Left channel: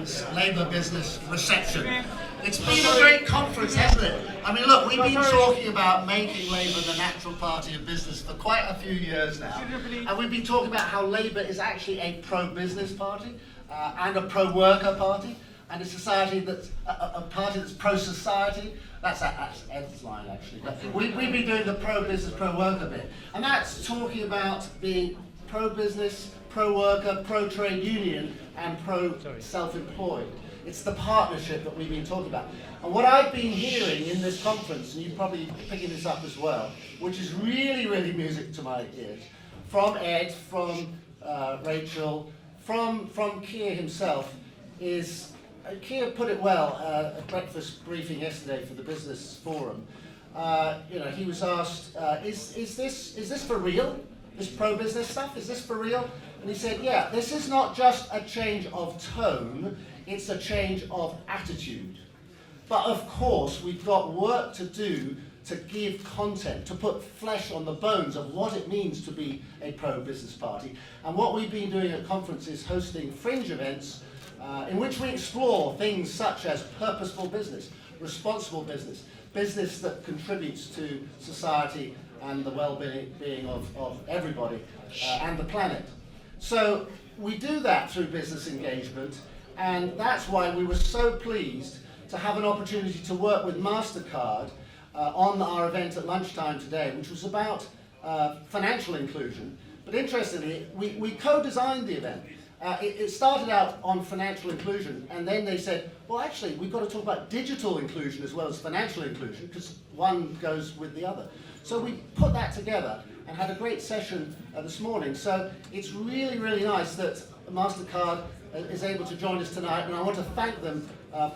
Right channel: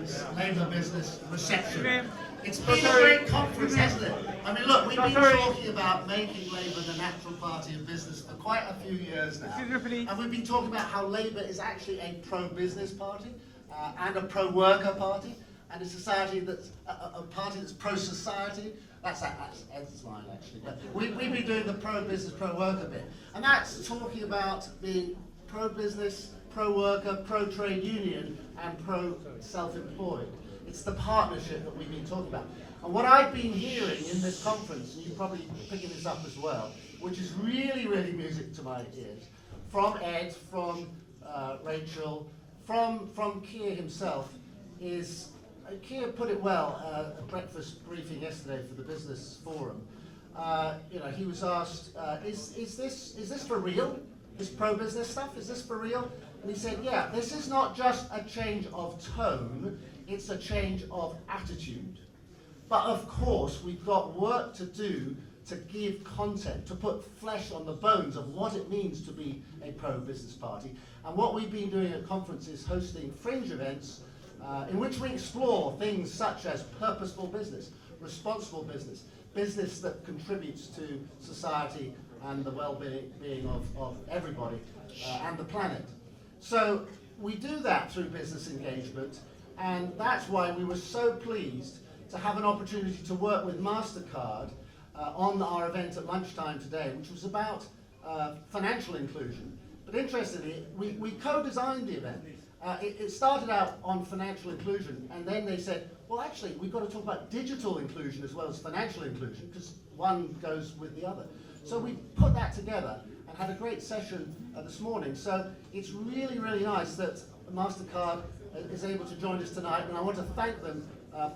conference, Labour Business Reception. It's been a great conference, hasn't it? I mean, look, we've been talking about making Labour the natural party of business for quite a few years now. And we've been talking about how Labour is actually a pro-business party and a pro-worker party, and a society that's a party that's pro-society. That's Ed's line, actually. But we've been doing the pro-business, pro-worker bit. And that's talking about being pro-business, pro-worker, pro-trade union, and pro-self-employed. It's the partnership that we've been talking about. And what I've been hearing in this conference, and you're probably picking this up as well, which is really, really music to my ears, from Ed, from Rachel, from Keir himself, is, Keir put it well at a breakfast briefing yesterday for the Business Forum. He was asked, is this for real? This pro-business stuff, is this for real? And he said, yeah, this is not just a change of tone, it's a change of attitude. But of course, we've got work to do to give content, to put flesh on the bones of what it means to be a pro-business party. And what we've been doing at conferences, hosting fringe events in which we explore things such as purposeful business, responsible business, business that contributes to society and the well-being of everybody and the planet. So we do that through business engagement, and that's why we were so pleased to have an opportunity to work with MasterCard on our event at lunchtime today, which was about financial inclusion. But interestingly, we co-designed the event. It started out on financial inclusion, and then they said, well, actually, we've got to talk about digital inclusion as well as financial inclusion, because one goes with the other. So we put that together and had a great session this morning. So it's really, really nice that MasterCard is able to join us tonight, and I want to thank them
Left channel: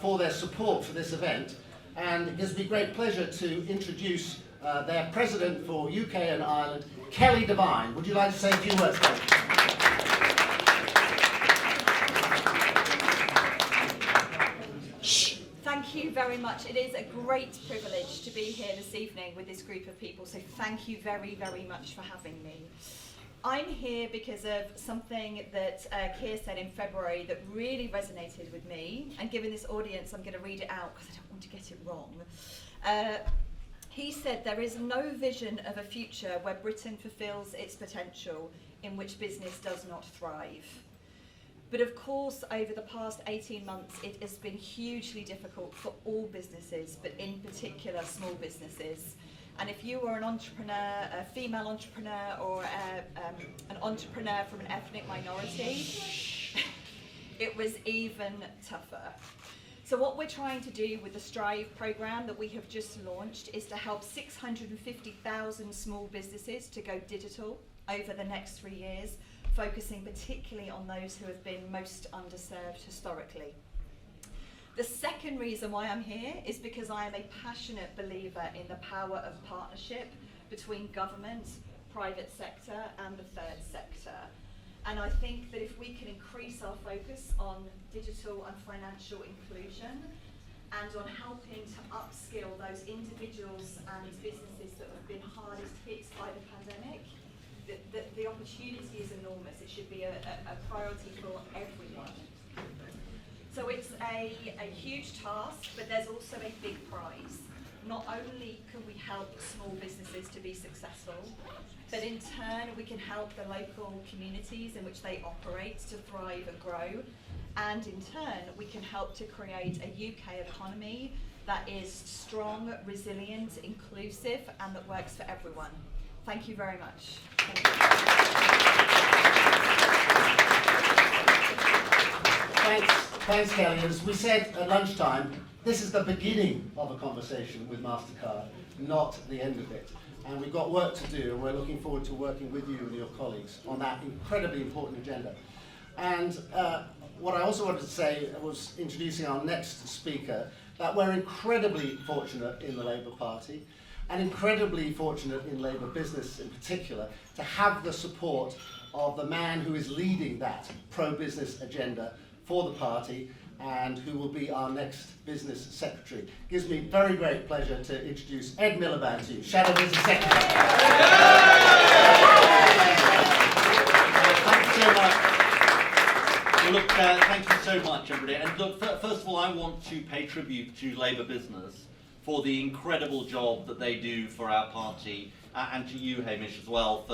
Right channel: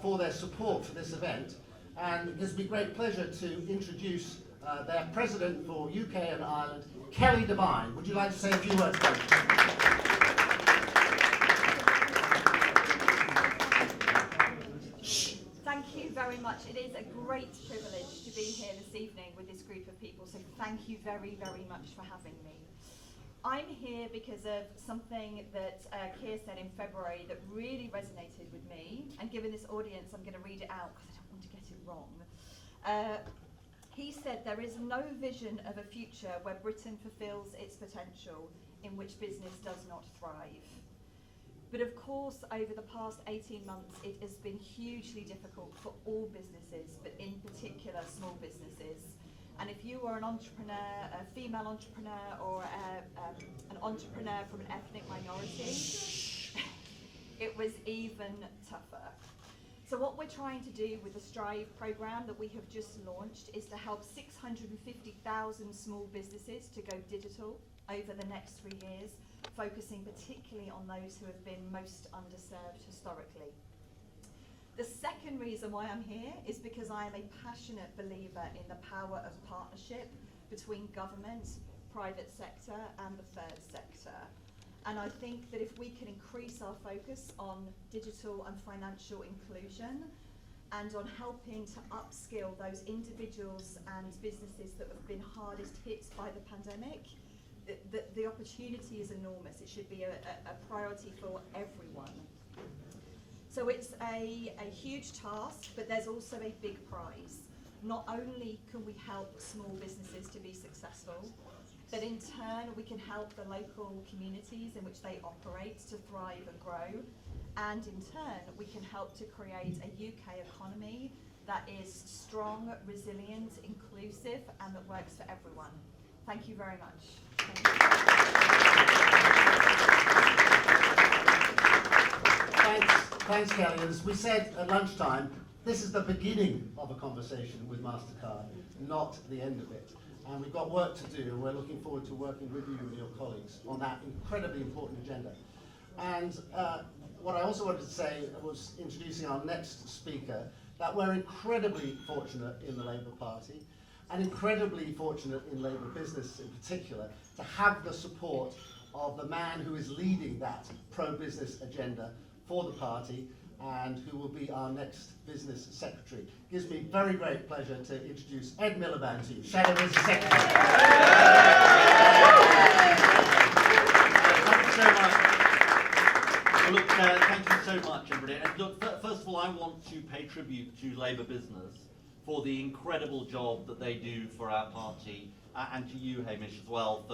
for their support for this event. And it gives me great pleasure to introduce their president for UK and Ireland, Kelly Devine. Would you like to say a few words? Thank you very much. It is a great privilege to be here this evening with this group of people, so thank you very, very much for having me. I'm here because of something that Keir said in February that really resonated with me, and given this audience, I'm going to read it out because I don't want to get it wrong. He said, there is no vision of a future where Britain fulfills its potential in which business does not thrive. But of course, over the past 18 months, it has been hugely difficult for all businesses, but in particular small businesses. And if you were an entrepreneur, a female entrepreneur, or an entrepreneur from an ethnic minority, it was even tougher. So what we're trying to do with the Strive programme that we have just launched is to help 650,000 small businesses to go digital over the next 3 years, focusing particularly on those who have been most underserved historically. The second reason why I'm here is because I am a passionate believer in the power of partnership between government, private sector and the third sector. And I think that if we can increase our focus on digital and financial inclusion and on helping to upskill those individuals and businesses that have been hardest hit by the pandemic, the opportunity is enormous. It should be a priority for everyone. So it's a huge task, but there's also a big prize. Not only can we help small businesses to be successful, but in turn we can help the local communities in which they operate to thrive and grow. And in turn we can help to create a UK economy that is strong, resilient, inclusive, and that works for everyone. Thank you very much. Thanks, Kelly. As we said at lunchtime, this is the beginning of a conversation with MasterCard, not the end of it. And we've got work to do, and we're looking forward to working with you and your colleagues on that incredibly important agenda. And what I also wanted to say was introducing our next speaker, that we're incredibly fortunate in the Labour Party, and incredibly fortunate in Labour business in particular, to have the support of the man who is leading that pro-business agenda for the party and who will be our next business secretary. It gives me very great pleasure to introduce Ed Miliband to you, Shadow Business Secretary. Thank you so much. Well, look, thank you so so much, everybody. And look, first of all, I want to pay tribute to Labour business for the incredible job that they do for our party, and to you, Hamish, as well,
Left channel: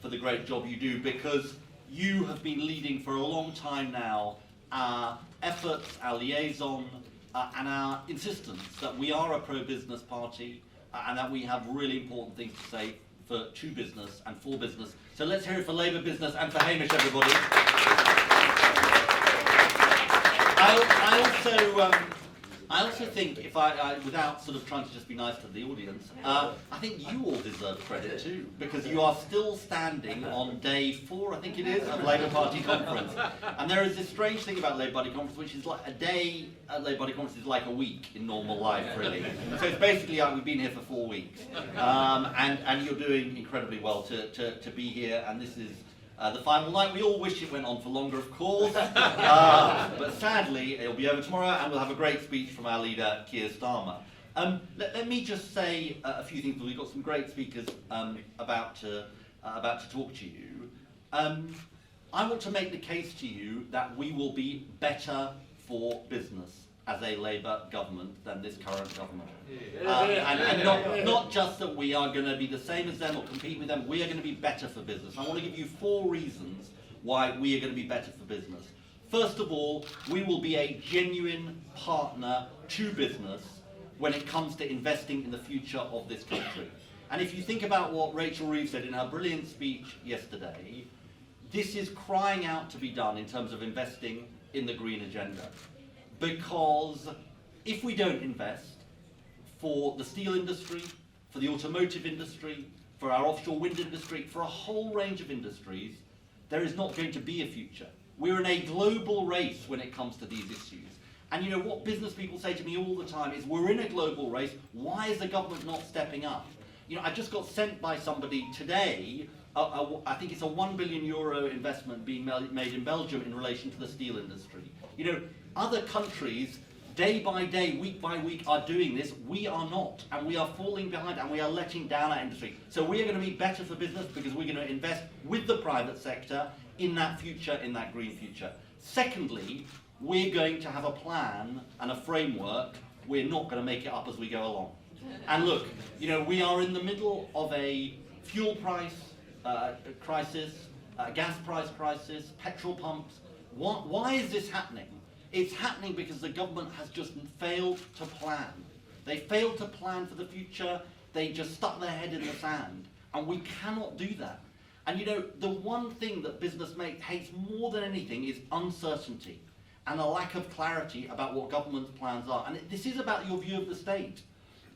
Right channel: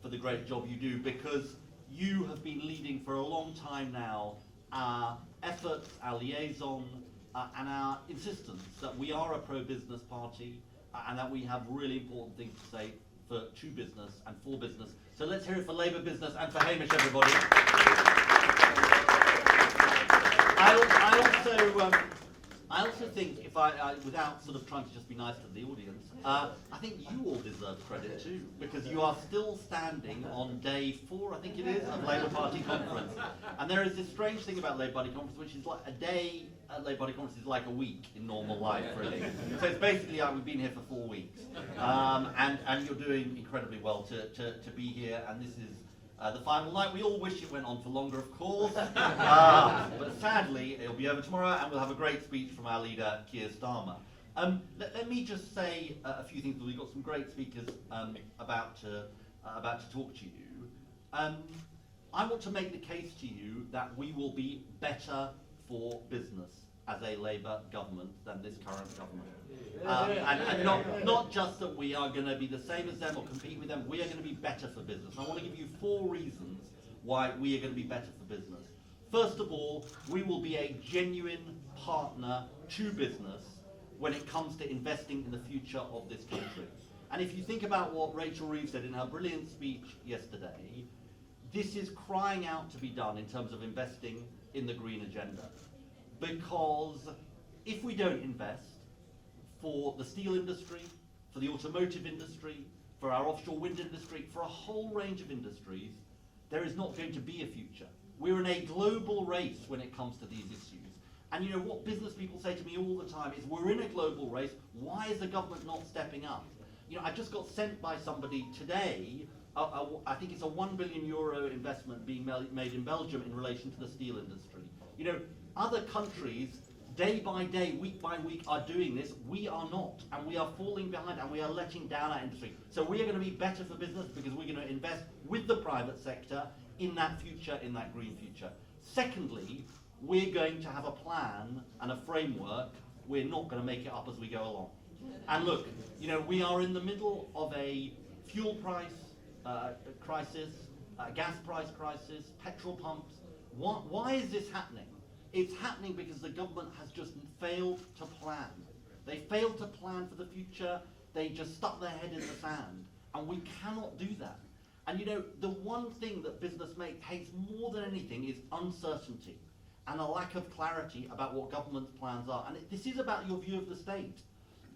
for the great job you do, because you have been leading for a long time now our efforts, our liaison, and our insistence that we are a pro-business party, and that we have really important things to say to business and for business. So let's hear it for Labour business and for Hamish, everybody. I also think, if without sort of trying to just be nice to the audience, I think you all deserve credit too, because you are still standing on day 4, I think it is, of Labour Party conference. And there is this strange thing about Labour Party conference, which is like a day at Labour Party conference is like a week in normal life, really. So it's basically like we've been here for 4 weeks, and you're doing incredibly well to be here. And this is the final night. We all wish it went on for longer, of course, but sadly it'll be over tomorrow, and we'll have a great speech from our leader, Keir Starmer. Let me just say a few things, because we've got some great speakers about to talk to you. I want to make the case to you that we will be better for business as a Labour government than this current government. And not just that we are going to be the same as them or compete with them, we are going to be better for business. I want to give you 4 reasons why we are going to be better for business. First of all, we will be a genuine partner to business when it comes to investing in the future of this country. And if you think about what Rachel Reeves said in her brilliant speech yesterday, this is crying out to be done in terms of investing in the green agenda. Because if we don't invest for the steel industry, for the automotive industry, for our offshore wind industry, for a whole range of industries, there is not going to be a future. We're in a global race when it comes to these issues. And you know what business people say to me all the time is, we're in a global race, why is the government not stepping up? You know, I just got sent by somebody today, I think it's a €1 billion investment being made in Belgium in relation to the steel industry. You know, other countries, day by day, week by week, are doing this. We are not, and we are falling behind, and we are letting down our industry. So we are going to be better for business because we're going to invest with the private sector in that future, in that green future. Secondly, we're going to have a plan and a framework. We're not going to make it up as we go along. And look, you know, we are in the middle of a fuel price crisis, gas price crisis, petrol pumps. Why is this happening? It's happening because the government has just failed to plan. They failed to plan for the future. They just stuck their head in the sand. And we cannot do that. And you know, the one thing that business hates more than anything is uncertainty and a lack of clarity about what government's plans are. And this is about your view of the state.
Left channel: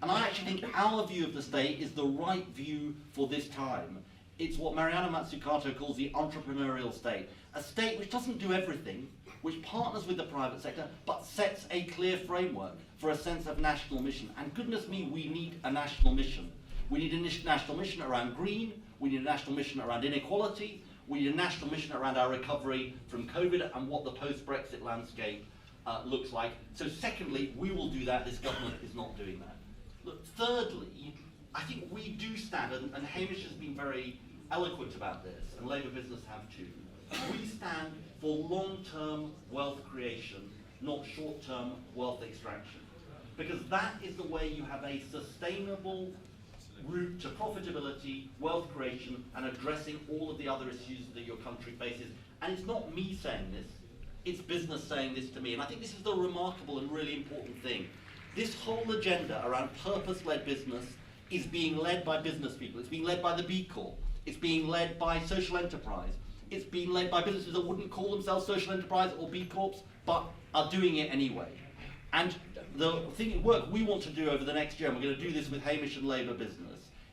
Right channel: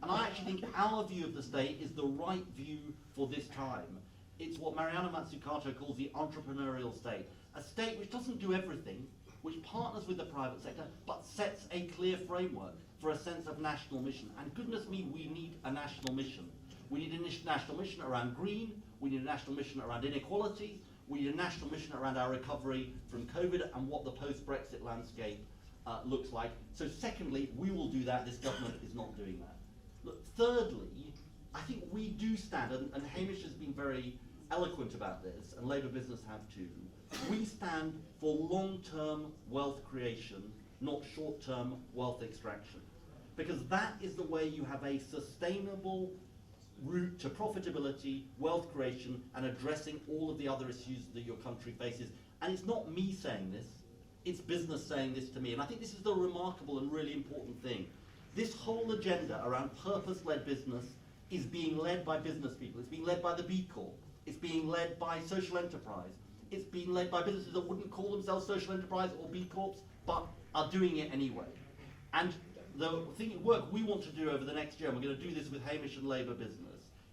And I actually think our view of the state is the right view for this time. It's what Mariana Mazzucato calls the entrepreneurial state. A state which doesn't do everything, which partners with the private sector, but sets a clear framework for a sense of national mission. And goodness me, we need a national mission. We need a national mission around green, we need a national mission around inequality, we need a national mission around our recovery from COVID and what the post-Brexit landscape looks like. So secondly, we will do that. This government is not doing that. Look, thirdly, I think we do stand, and Hamish has been very eloquent about this, and Labour business have too, we stand for long-term wealth creation, not short-term wealth extraction. Because that is the way you have a sustainable route to profitability, wealth creation, and addressing all of the other issues that your country faces. And it's not me saying this, it's business saying this to me. And I think this is the remarkable and really important thing. This whole agenda around purpose-led business is being led by business people. It's being led by the B Corp. It's being led by social enterprise. It's being led by businesses that wouldn't call themselves social enterprise or B Corps, but are doing it anyway. And the work we want to do over the next year, and we're going to do this with Hamish and Labour business,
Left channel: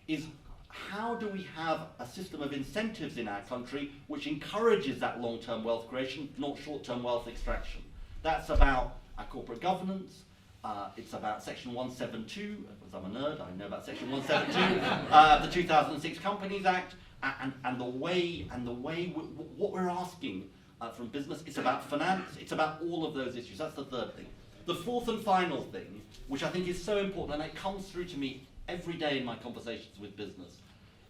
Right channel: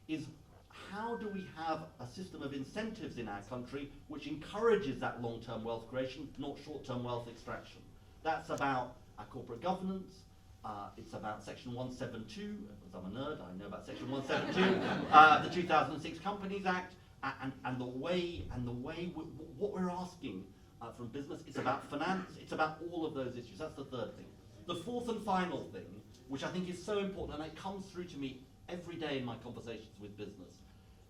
is how do we have a system of incentives in our country which encourages that long-term wealth creation, not short-term wealth extraction. That's about our corporate governance. It's about Section 172, because I'm a nerd, I know about Section 172, the 2006 Companies Act, and the way what we're asking from business. It's about finance, it's about all of those issues. That's the third thing. The fourth and final thing, which I think is so important, and it comes through to me every day in my conversations with business,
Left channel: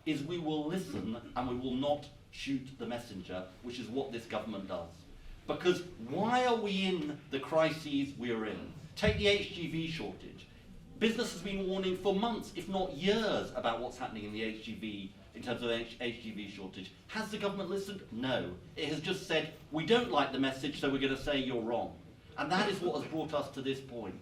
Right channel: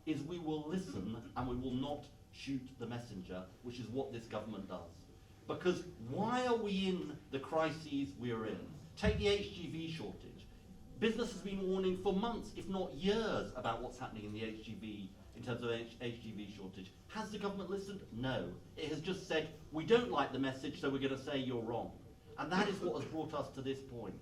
is we will listen and we will not shoot the messenger, which is what this government does. Because why are we in the crises we're in? Take the HGV shortage. Business has been warning for months, if not years, about what's happening in the HGV, in terms of HGV shortage. Has the government listened? No. It has just said, we don't like the message, so we're going to say you're wrong. And that is what has brought us to this point.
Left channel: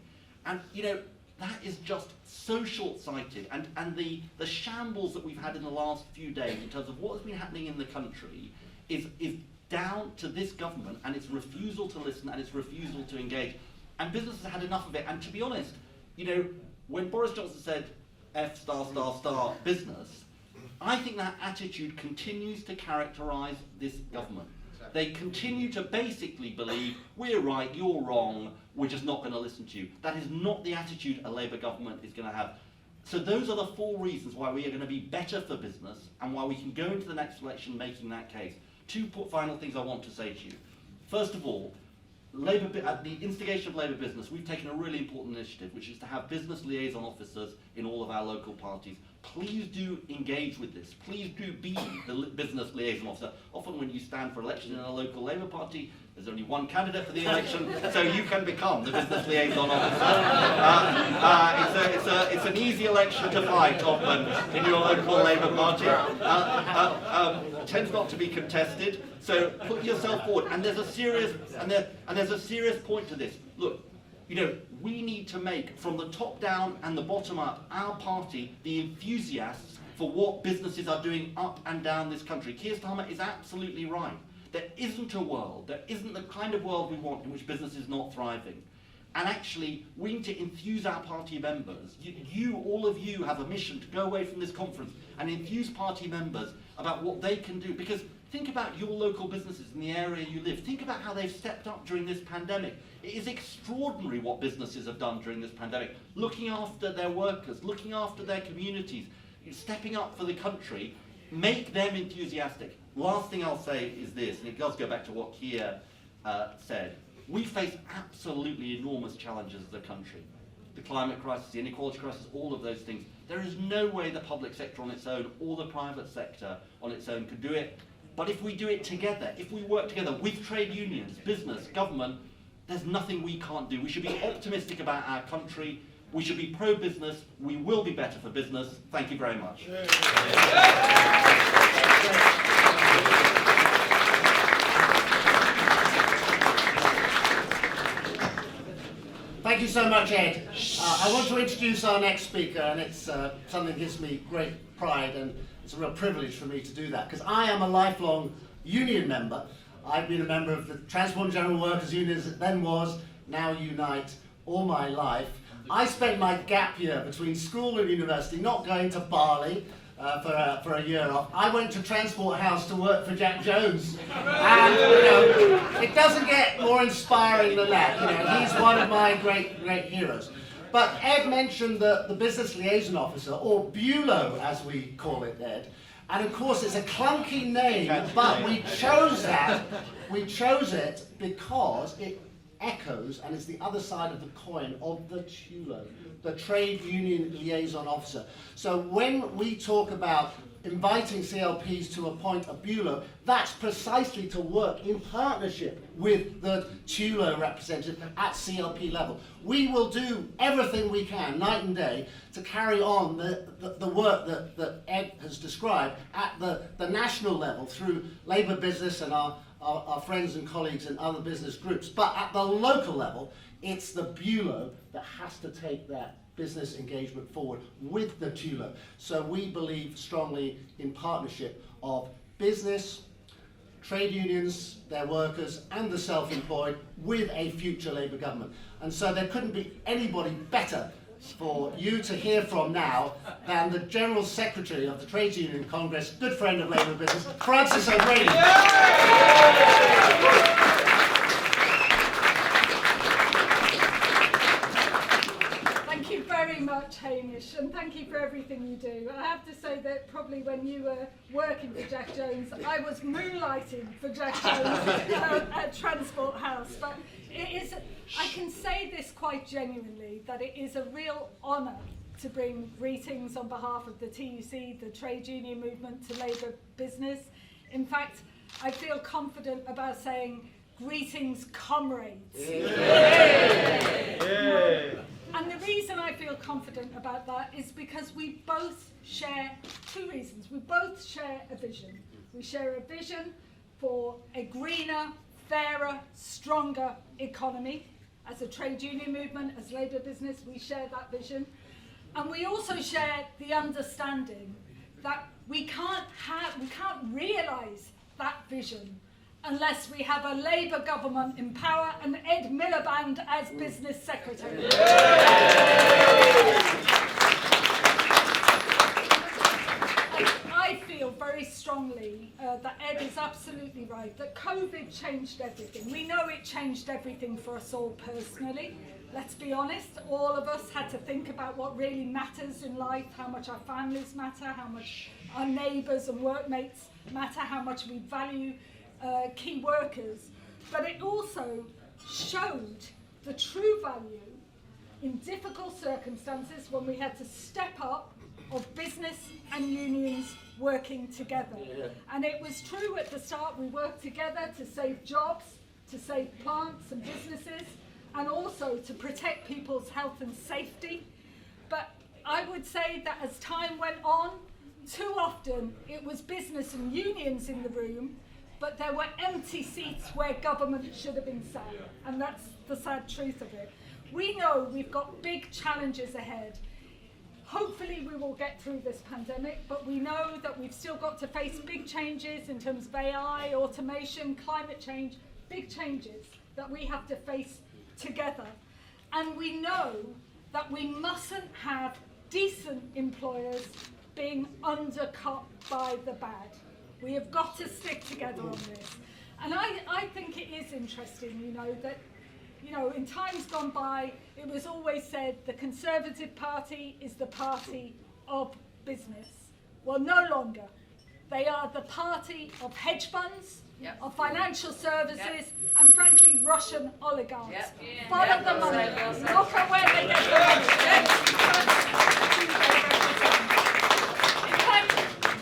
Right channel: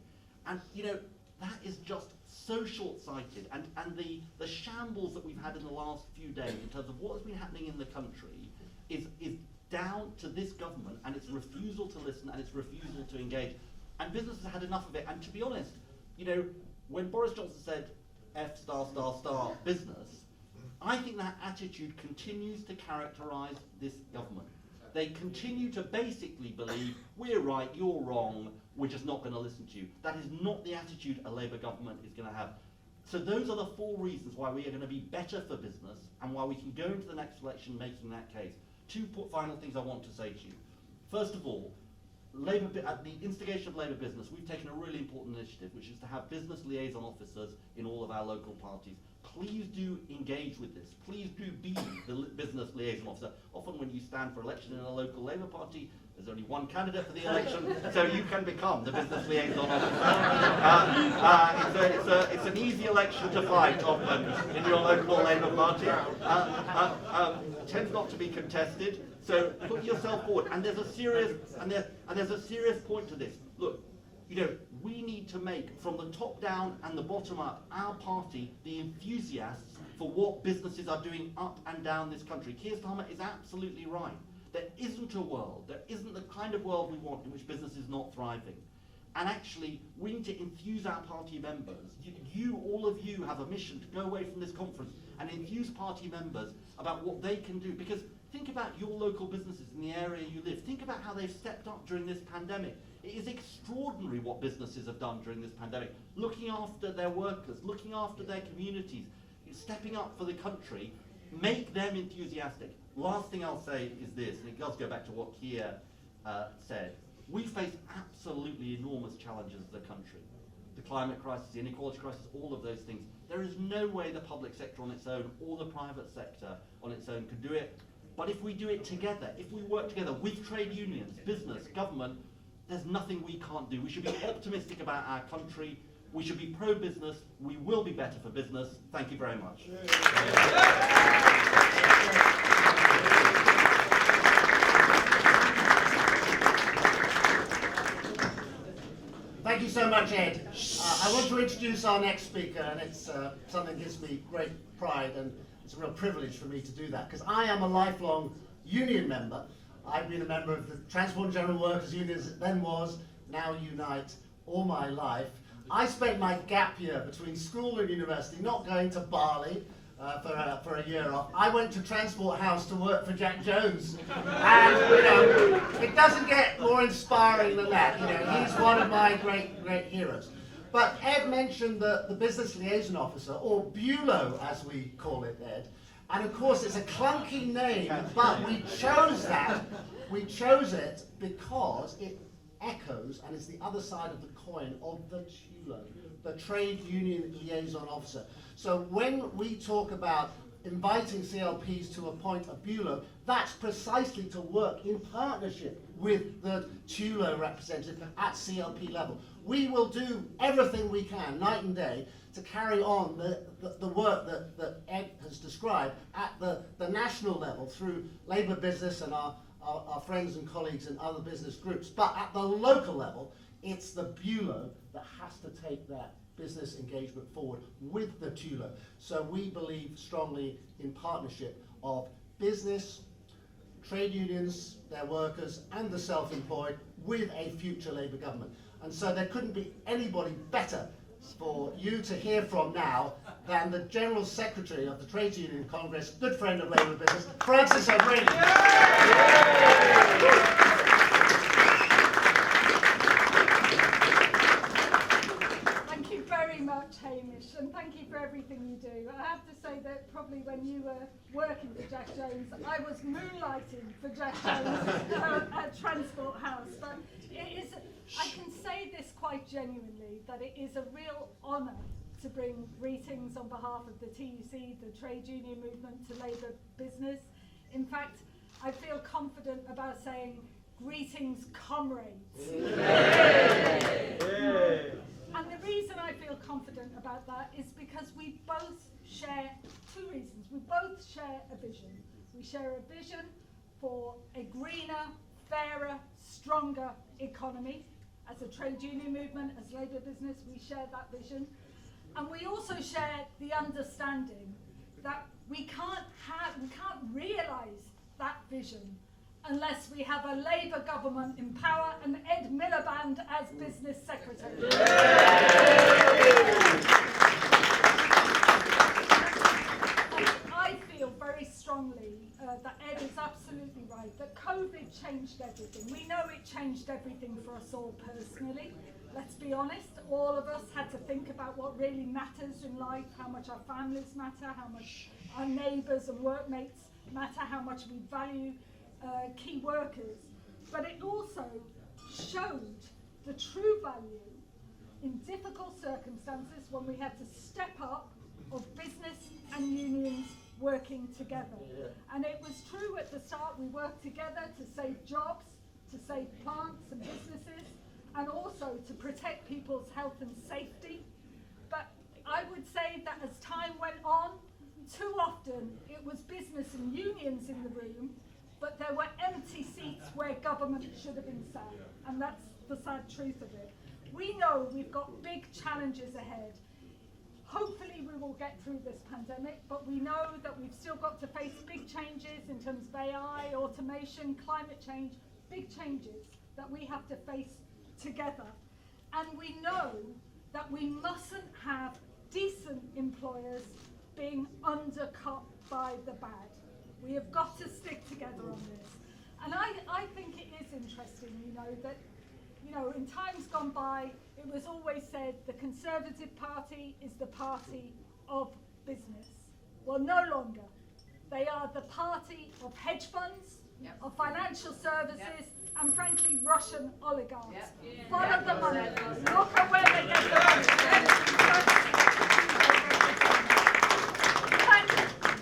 And, you know, that is just so short-sighted. And the shambles that we've had in the last few days in terms of what has been happening in the country is down to this government and its refusal to listen and its refusal to engage. And business has had enough of it. And to be honest, you know, when Boris Johnson said F*** business, I think that attitude continues to characterise this government. They continue to basically believe, we're right, you're wrong, we're just not going to listen to you. That is not the attitude a Labour government is going to have. So those are the 4 reasons why we are going to be better for business and why we can go into the next election making that case. 2 final things I want to say to you. First of all, at the instigation of Labour business, we've taken a really important initiative, which is to have business liaison officers in all of our local parties. Please do engage with this. Please do be the business liaison officer. Often when you stand for election in a local Labour party, there's only one candidate for the election, so you can become the business liaison officer. It's an easy election to fight often in your local Labour party. Tends not to be contested, so put yourself forward. And there's a serious point to this. Look, you know, we need to make, from the top down and the bottom up, our party the enthusiasts for what businesses are doing up and down this country. Keir Starmer is absolutely right. There isn't a world, there isn't the kind of world we want in which business is not thriving. And actually, we need to enthuse our party members. All of you have a mission to go away from this conference and enthuse party members about what they can do. Because think about your local businesses in the area you live. Think about how they've stepped up during this pandemic. It is extraordinary what businesses have done during this pandemic. Looking after their workers, looking after their communities, stepping up for the country. Make them enthusiastic. Last thing I'll say is this, and it does go back to what Keir said. We face absolutely enormous challenges as a country. The climate crisis, the inequality crisis, all of those things. There is no way the public sector on its own or the private sector on its own can do it. But if we do it together, if we work together with trade unions, business, government, there's nothing we can't do. We should be optimistic about our country. We should be pro-business. We will be better for business. Thank you very much. Thank you so much, Ed. I want to introduce our next speaker, and it's something that gives me great pride, and it's a real privilege for me to do that, because I am a lifelong union member. I've been a member of the Transport and General Workers Union, as it then was, now Unite, all my life. I spent my gap year between school and university not going to Bali for a year off. I went to Transport House to work for Jack Jones. And, you know, it doesn't get more inspiring than that. You know, he's one of my great heroes. But Ed mentioned the Business Liaison Officer, or BULO as we call it, Ed. And of course it's a clunky name, but we chose that. We chose it because it echoes, and it's the other side of the coin of the TULO, the Trade Union Liaison Officer. So when we talk about inviting CLPs to appoint a BULO, that's precisely to work in partnership with the TULO representative at CLP level. We will do everything we can, night and day, to carry on the work that Ed has described at the national level through Labour business and our friends and colleagues in other business groups. But at the local level, it's the BULO that has to take that business engagement forward with the TULO. So we believe strongly in partnership of business, trade unions, their workers, and the self-employed with a future Labour government. And so there couldn't be anybody better for you to hear from now than the General Secretary of the Trades Union Congress, good friend of Labour business, Francis O'Grady. Thank you very much, Hamish, and thank you for everything you do. I have to say that probably when you were working for Jack Jones, I was moonlighting for Jack Jones at Transport House. But it is, I can say this quite genuinely, that it is a real honour to bring greetings on behalf of the TUC, the trade union movement, to Labour business. In fact, I feel confident about saying Greetings, comrades. And the reason I feel confident about that is because we both share two reasons. We both share a vision. We share a vision for a greener, fairer, stronger economy. As a trade union movement, as labour business, we share that vision. And we also share the understanding that we can't realise that vision unless we have a Labour government in power and Ed Miliband as business secretary. I feel very strongly that Ed is absolutely right, that COVID changed everything. We know it changed everything for us all personally. Let's be honest, all of us had to think about what really matters in life, how much our families matter, how much our neighbours and workmates matter, how much we value key workers. But it also showed the true value in difficult circumstances when we had to step up of business and unions working together. And it was true at the start, we worked together to save jobs, to save plants and businesses, and also to protect people's health and safety. But I would say that as time went on, too often it was business and unions in the room, but there were empty seats where government should have been sat. And that's the sad truth of it. We know we've got big challenges ahead. Hopefully we will get through this pandemic, but we know that we've still got to face big changes in terms of AI, automation, climate change, big changes that we have to face together. And we know that we mustn't have decent employers being undercut by the bad. We have got to stick together on this. And I think it is interesting, that in times gone by, it was always said the Conservative Party is the party of business. Well, no longer. They are the party of hedge funds, of financial services, and frankly, Russian oligarchs. Follow the money. Look at where they get the money. In fact,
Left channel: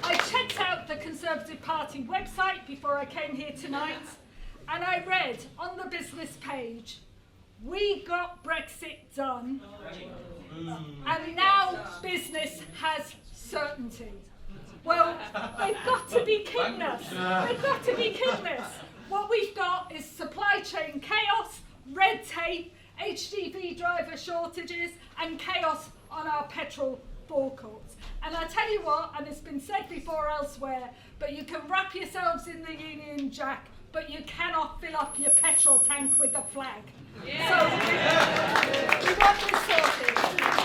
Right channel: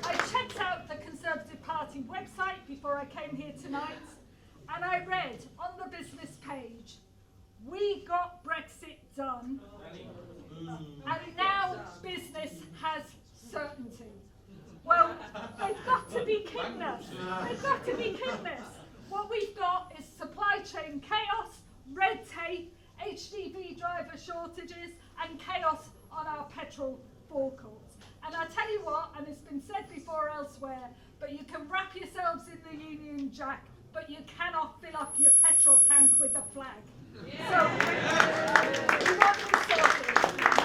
I checked out the Conservative Party website before I came here tonight, and I read on the business page, we got Brexit done, and now business has certainty. Well, they've got to be kidding us. They've got to be kidding us. What we've got is supply chain chaos, red tape, HGV driver shortages, and chaos on our petrol forecourts. And I tell you what, and it's been said before elsewhere, but you can wrap yourselves in the Union Jack, but you cannot fill up your petrol tank with a flag. So, we want this sorted.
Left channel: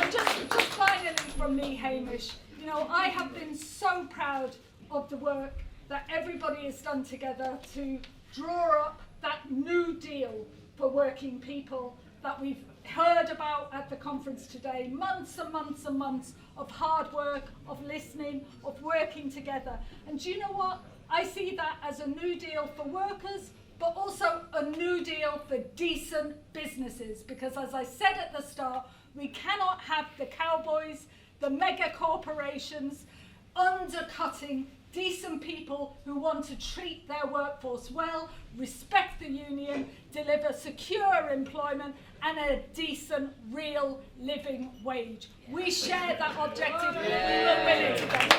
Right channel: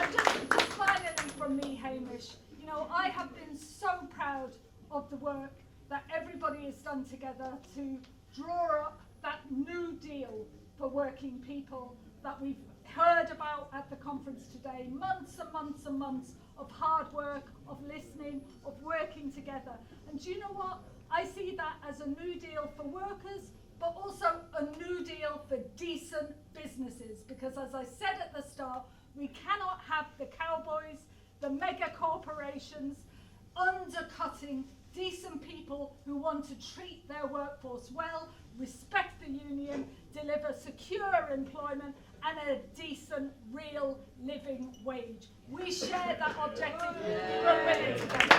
And just finally from me, Hamish, I have been so proud of the work that everybody has done together to draw up that new deal for working people that we've heard about at the conference today. Months and months and months of hard work, of listening, of working together. And do you know what? I see that as a new deal for workers, but also a new deal for decent businesses. Because as I said at the start, we cannot have the cowboys, the mega corporations undercutting decent people who want to treat their workforce well, respect the union, deliver secure employment and a decent, real living wage. We share that objective. We will win it together.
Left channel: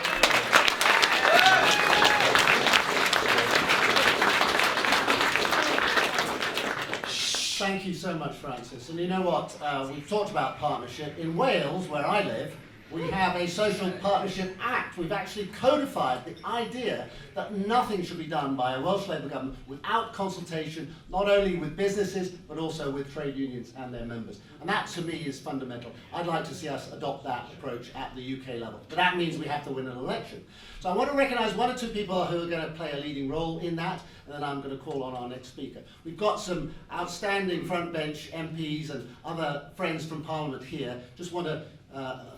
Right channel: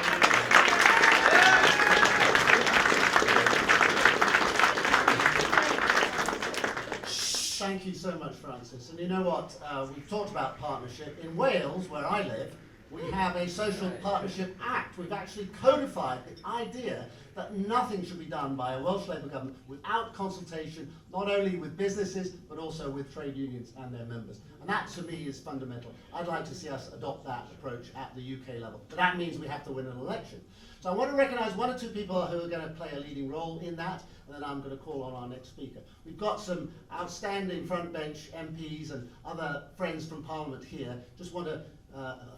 Thank you so much, Francis. And you know what? We've talked about partnership. In Wales, where I live, we have a Social Partnership Act. We've actually codified the idea that nothing should be done by a Welsh Labour government without consultation, not only with businesses, but also with trade unions and their members. And that, to me, is fundamental. I'd like to see us adopt that approach at the UK level. But that means we have to win an election. So I want to recognise one or two people who are going to play a leading role in that, and then I'm going to call on our next speaker. We've got some outstanding front bench MPs and other friends from Parliament here. Just want to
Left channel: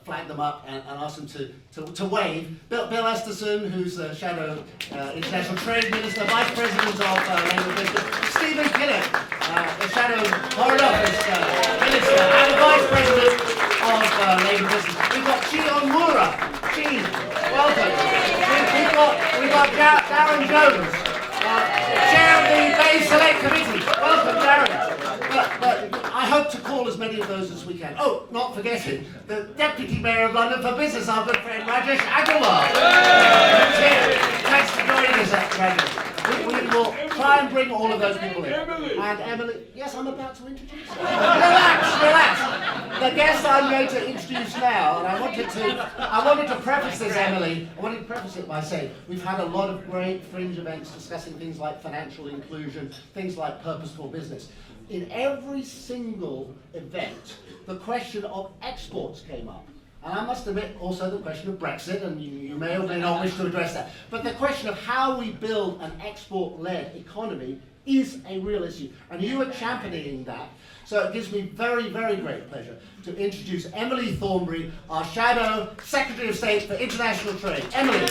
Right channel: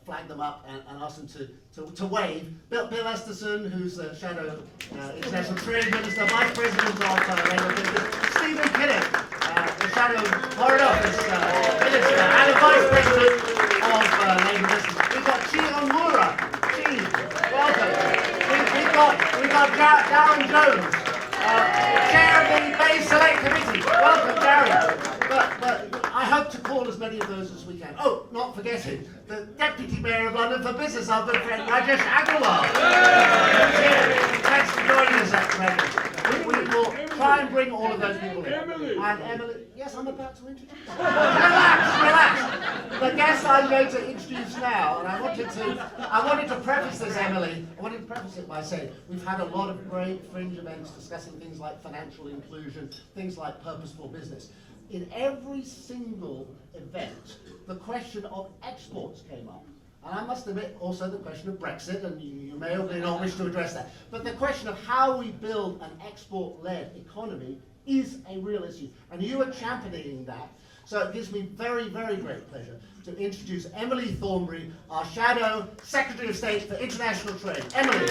flag them up and ask them to wave. Bill Esterson, who's Shadow International Trade Minister, Vice President of Labour Business. Stephen Kinnock, the Shadow Foreign Office Minister and the Vice President of Labour Business. We've got Chion Moura. Chi, welcome. We've got Darren Jones, Chair of the Bay Select Committee. to call as many of those as we can. Oh, not forgetting the Deputy Mayor of London for Business, our good friend Rajesh Agrawal. Who's here. Thanks for joining us, Rajesh. We will try and bring all of those people in. And Emily, yes, I'm about to introduce you. Relax. The guest I'm going to introduce now, and I wanted to preface this, Emily. I wanted to preface it by saying we've had a lot of great fringe events discussing things like financial inclusion, things like purposeful business. In every single event, the question of exports came up. And I must admit also the question of Brexit, and you may or may not wish to address that. But the question of how we build an export-led economy is a real issue. And you are championing that. So it gives me very, very great pleasure to introduce Emily Thornbury, our Shadow Secretary of State for International Trade. Emily.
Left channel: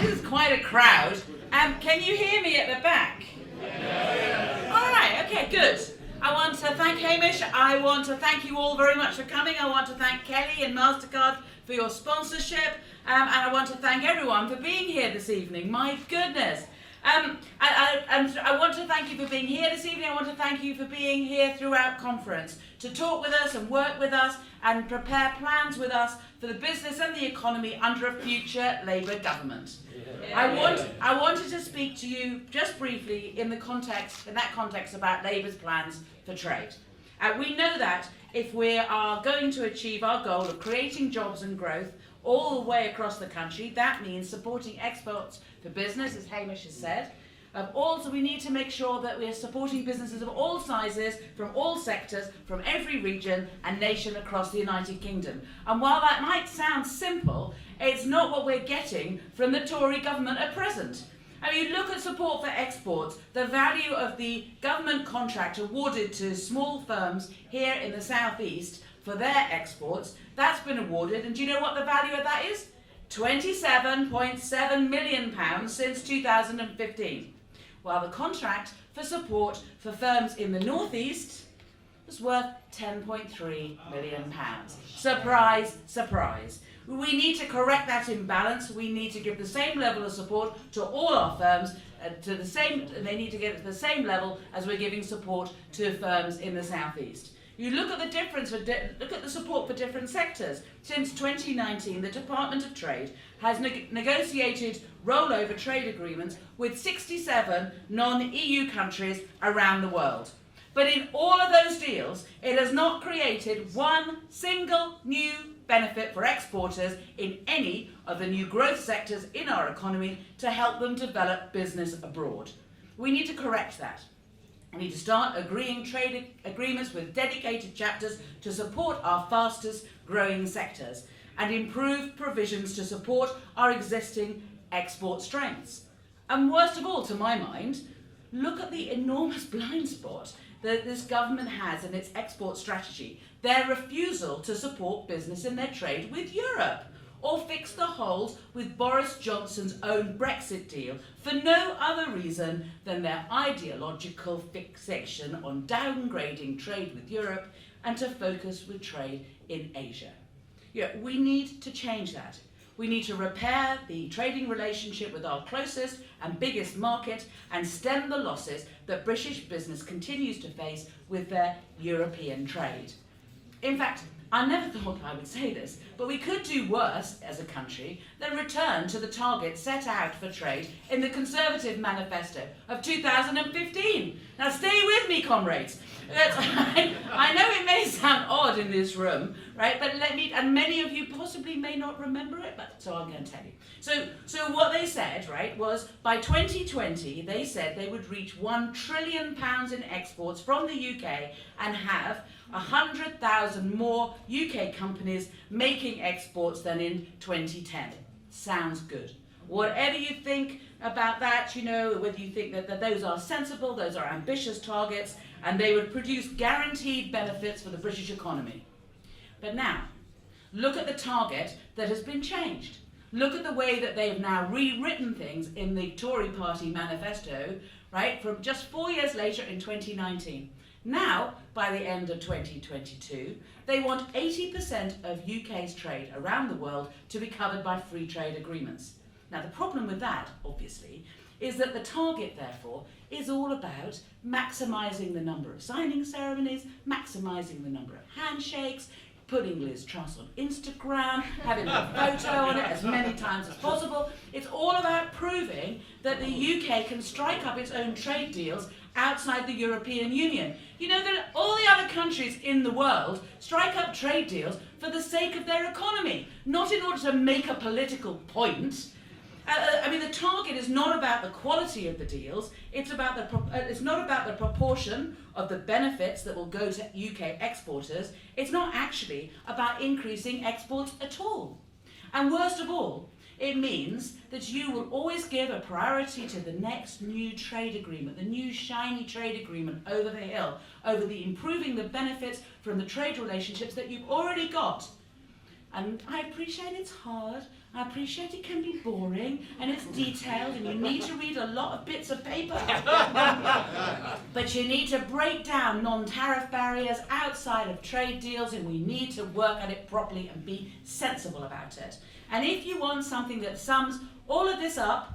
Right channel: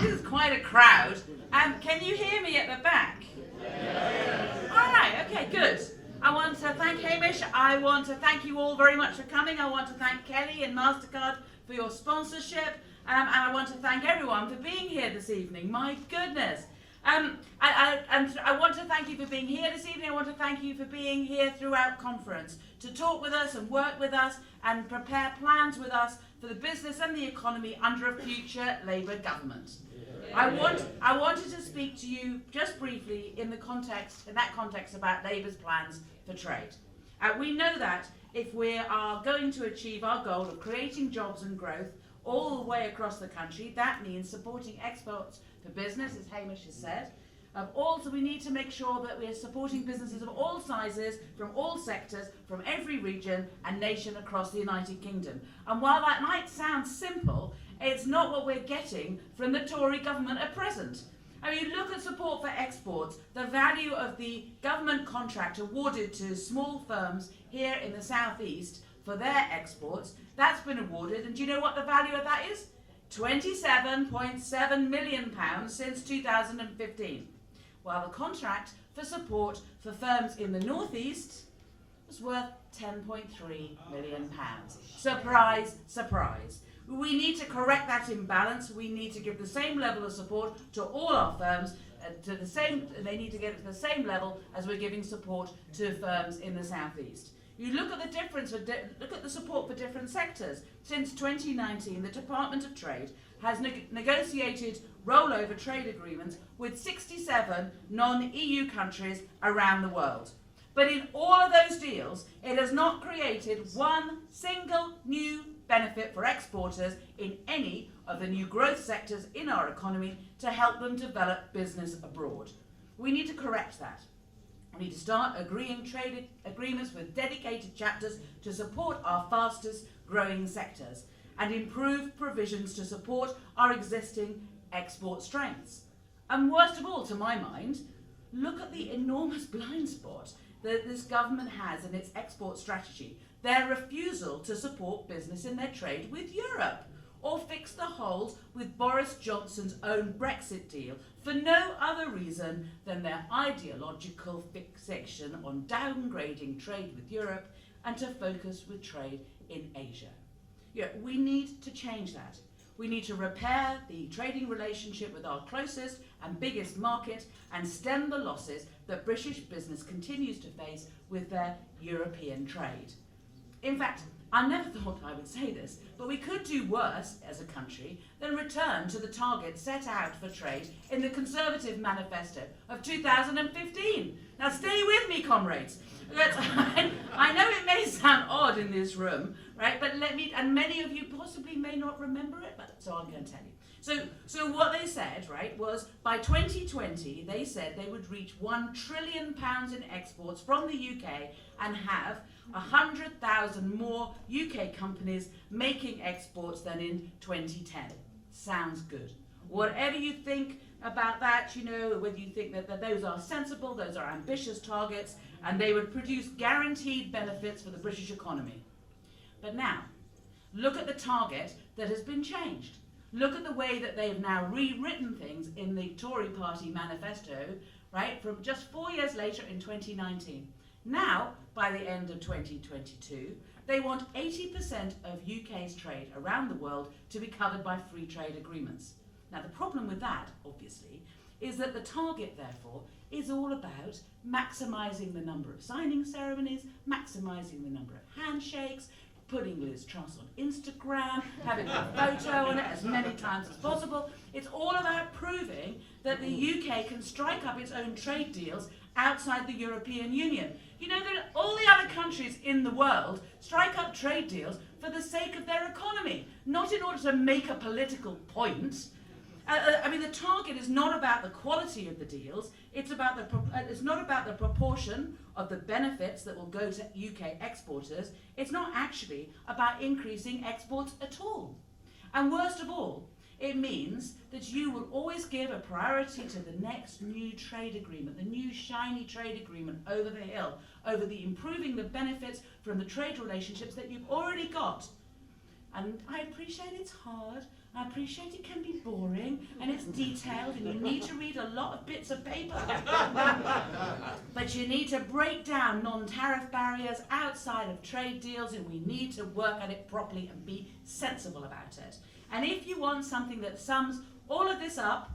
This is quite a crowd. Can you hear me at the back? All right, okay, good. I want to thank Hamish. I want to thank you all very much for coming. I want to thank Kelly and MasterCard for your sponsorship. And I want to thank everyone for being here this evening. My goodness. And I want to thank you for being here this evening. I want to thank you for being here throughout conference to talk with us and work with us and prepare plans with us for the business and the economy under a future Labour government. I wanted to speak to you just briefly in that context about Labour's plans for trade. We know that if we are going to achieve our goal of creating jobs and growth all the way across the country, that means supporting exports for business, as Hamish has said. Also, we need to make sure that we are supporting businesses of all sizes, from all sectors, from every region and nation across the United Kingdom. And while that might sound simple, it's not what we're getting from the Tory government at present. I mean, look at support for exports, the value of the government contract awarded to small firms here in the southeast for their exports. That's been awarded, and do you know what the value of that is? £27.7 million since 2015. While the contract for support for firms in the northeast was worth £10.3 million. Surprise, surprise. We need to correct that imbalance. We need to give the same level of support to all our firms. They need to get it to the same level as we're giving support to firms in the southeast. You look at the difference. Look at the support for different sectors. Since 2019, the Department of Trade has negotiated rollover trade agreements with 67 non-EU countries around the world. But in all of those deals, it has not created one single new benefit for exporters in any of the new growth sectors in our economy to help them develop business abroad. We need to correct that. We need to start agreeing trade agreements with dedicated chapters to support our fastest growing sectors and improve provisions to support our existing export strengths. And worst of all, to my mind, look at the enormous blind spot that this government has in its export strategy, their refusal to support business in their trade with Europe, or fix the holes with Boris Johnson's own Brexit deal for no other reason than their ideological fixation on downgrading trade with Europe and to focus with trade in Asia. We need to change that. We need to repair the trading relationship with our closest and biggest market and stem the losses that British business continues to face with their European trade. In fact, I never thought I would say this, but we could do worse as a country than return to the target set out for trade in the Conservative Manifesto of 2015. Now stay with me, comrades. I know it may sound odd in this room, right? But and many of you possibly may not remember it, but so I'm going to tell you. So what they said, right, was by 2020, they said they would reach £1 trillion in exports from the UK and have 100,000 more UK companies making exports than in 2010. Sounds good. Whatever you think about that, whether you think that those are sensible, those are ambitious targets, and they would produce guaranteed benefits for the British economy. But now, look at the target that has been changed. Look at the way that they've now rewritten things in the Tory party manifesto, right, from just 4 years later in 2019. Now, by the end of 2022, they want 80% of UK's trade around the world to be covered by free trade agreements. Now, the problem with that, obviously, is that the target, therefore, is all about maximising the number of signing ceremonies, maximising the number of handshakes, putting Liz Truss on Instagram, having a photo on it as many times as possible. It's all about proving that the UK can strike up its own trade deals outside the European Union. You know that all the other countries in the world strike up trade deals for the sake of their economy, not in order to make a political point. I mean, the target is not about the quality of the deals, it's not about the proportion of the benefits that will go to UK exporters, it's not actually about increasing exports at all. And worst of all, it means that you will always give a priority to the next new trade agreement, the new shiny trade agreement over the hill, over the improving the benefits from the trade relationships that you've already got. And I appreciate it's hard, I appreciate it can be boring, and it's detailed, and you need to read a lot of bits of paper. But you need to break down non-tariff barriers outside of trade deals, and we need to work at it properly and be sensible about it. And if you want something that sums all of this up,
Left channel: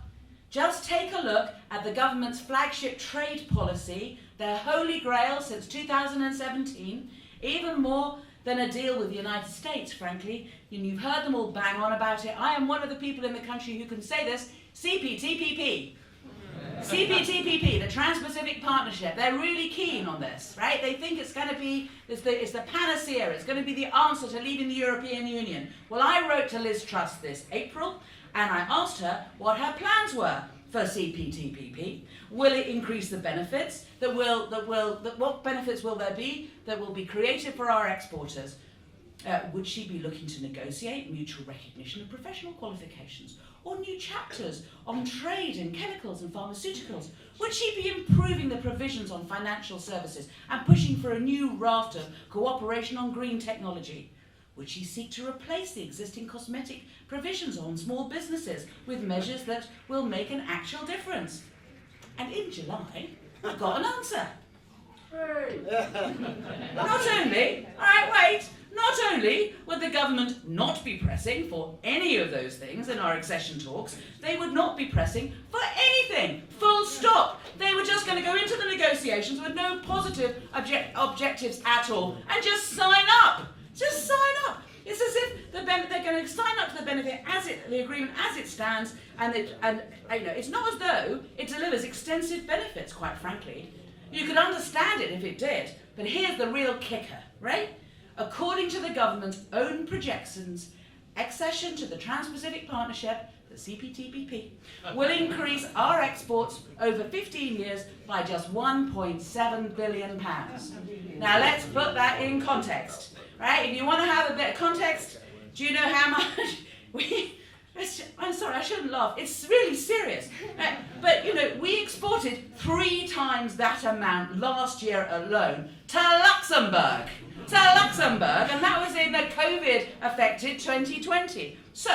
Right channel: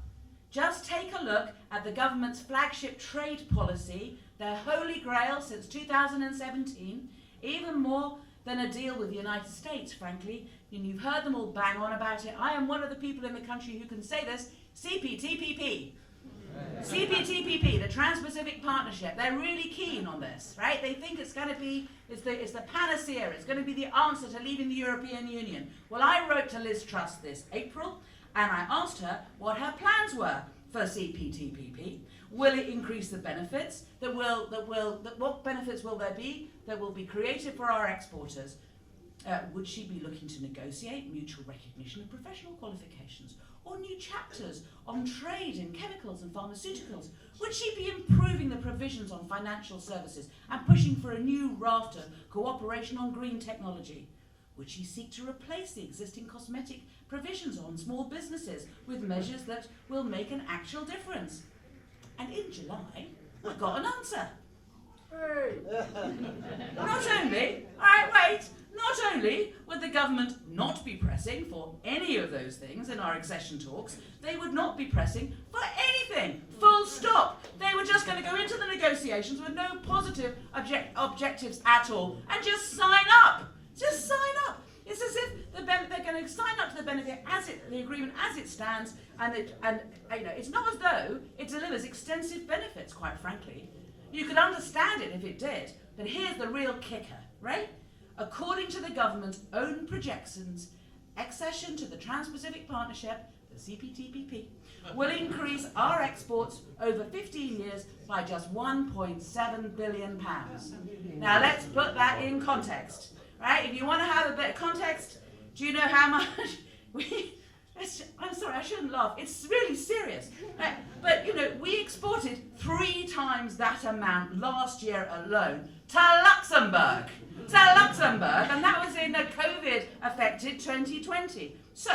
just take a look at the government's flagship trade policy, their holy grail since 2017, even more than a deal with the United States, frankly. And you've heard them all bang on about it. I am one of the people in the country who can say this, CPTPP. CPTPP, the Trans-Pacific Partnership, they're really keen on this, right? They think it's going to be, it's the panacea, it's going to be the answer to leaving the European Union. Well, I wrote to Liz Truss this April, and I asked her what her plans were for CPTPP. Will it increase the benefits? What benefits will there be that will be created for our exporters? Would she be looking to negotiate mutual recognition of professional qualifications, or new chapters on trade in chemicals and pharmaceuticals? Would she be improving the provisions on financial services and pushing for a new raft of cooperation on green technology? Would she seek to replace the existing cosmetic provisions on small businesses with measures that will make an actual difference? And in July, I got an answer. Not only would the government not be pressing for any of those things in our accession talks, they would not be pressing for anything, full stop. They were just going to go into the negotiations with no positive objectives at all and just sign up. Just sign up. It's as if they're going to sign up to the benefit the agreement as it stands, and it's not as though it delivers extensive benefits, quite frankly. You could understand it if it did, but here's the real kicker, right? According to the government's own projections, accession to the Trans-Pacific Partnership, the CPTPP, will increase our exports over 15 years by just £1.7 billion. Now let's put that in context. Right? If you want to have a bit of context, do you know how much I'm sorry, I shouldn't laugh. It's really serious. Right? But, we exported 3 times that amount last year alone to Luxembourg. And that was in the COVID-affected 2020. So,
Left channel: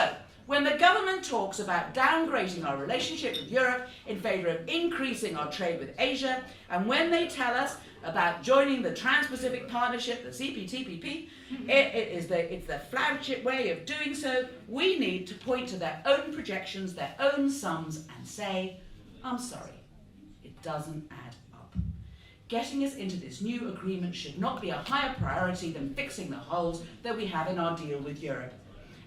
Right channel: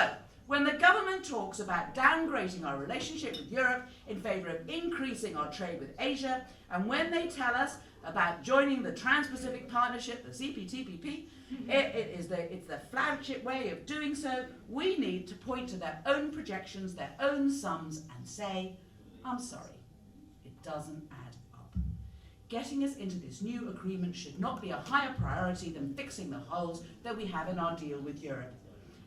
when the government talks about downgrading our relationship with Europe in favour of increasing our trade with Asia, and when they tell us about joining the Trans-Pacific Partnership, the CPTPP, it's the flagship way of doing so. We need to point to their own projections, their own sums, and say, I'm sorry, it doesn't add up. Getting us into this new agreement should not be a higher priority than fixing the holes that we have in our deal with Europe.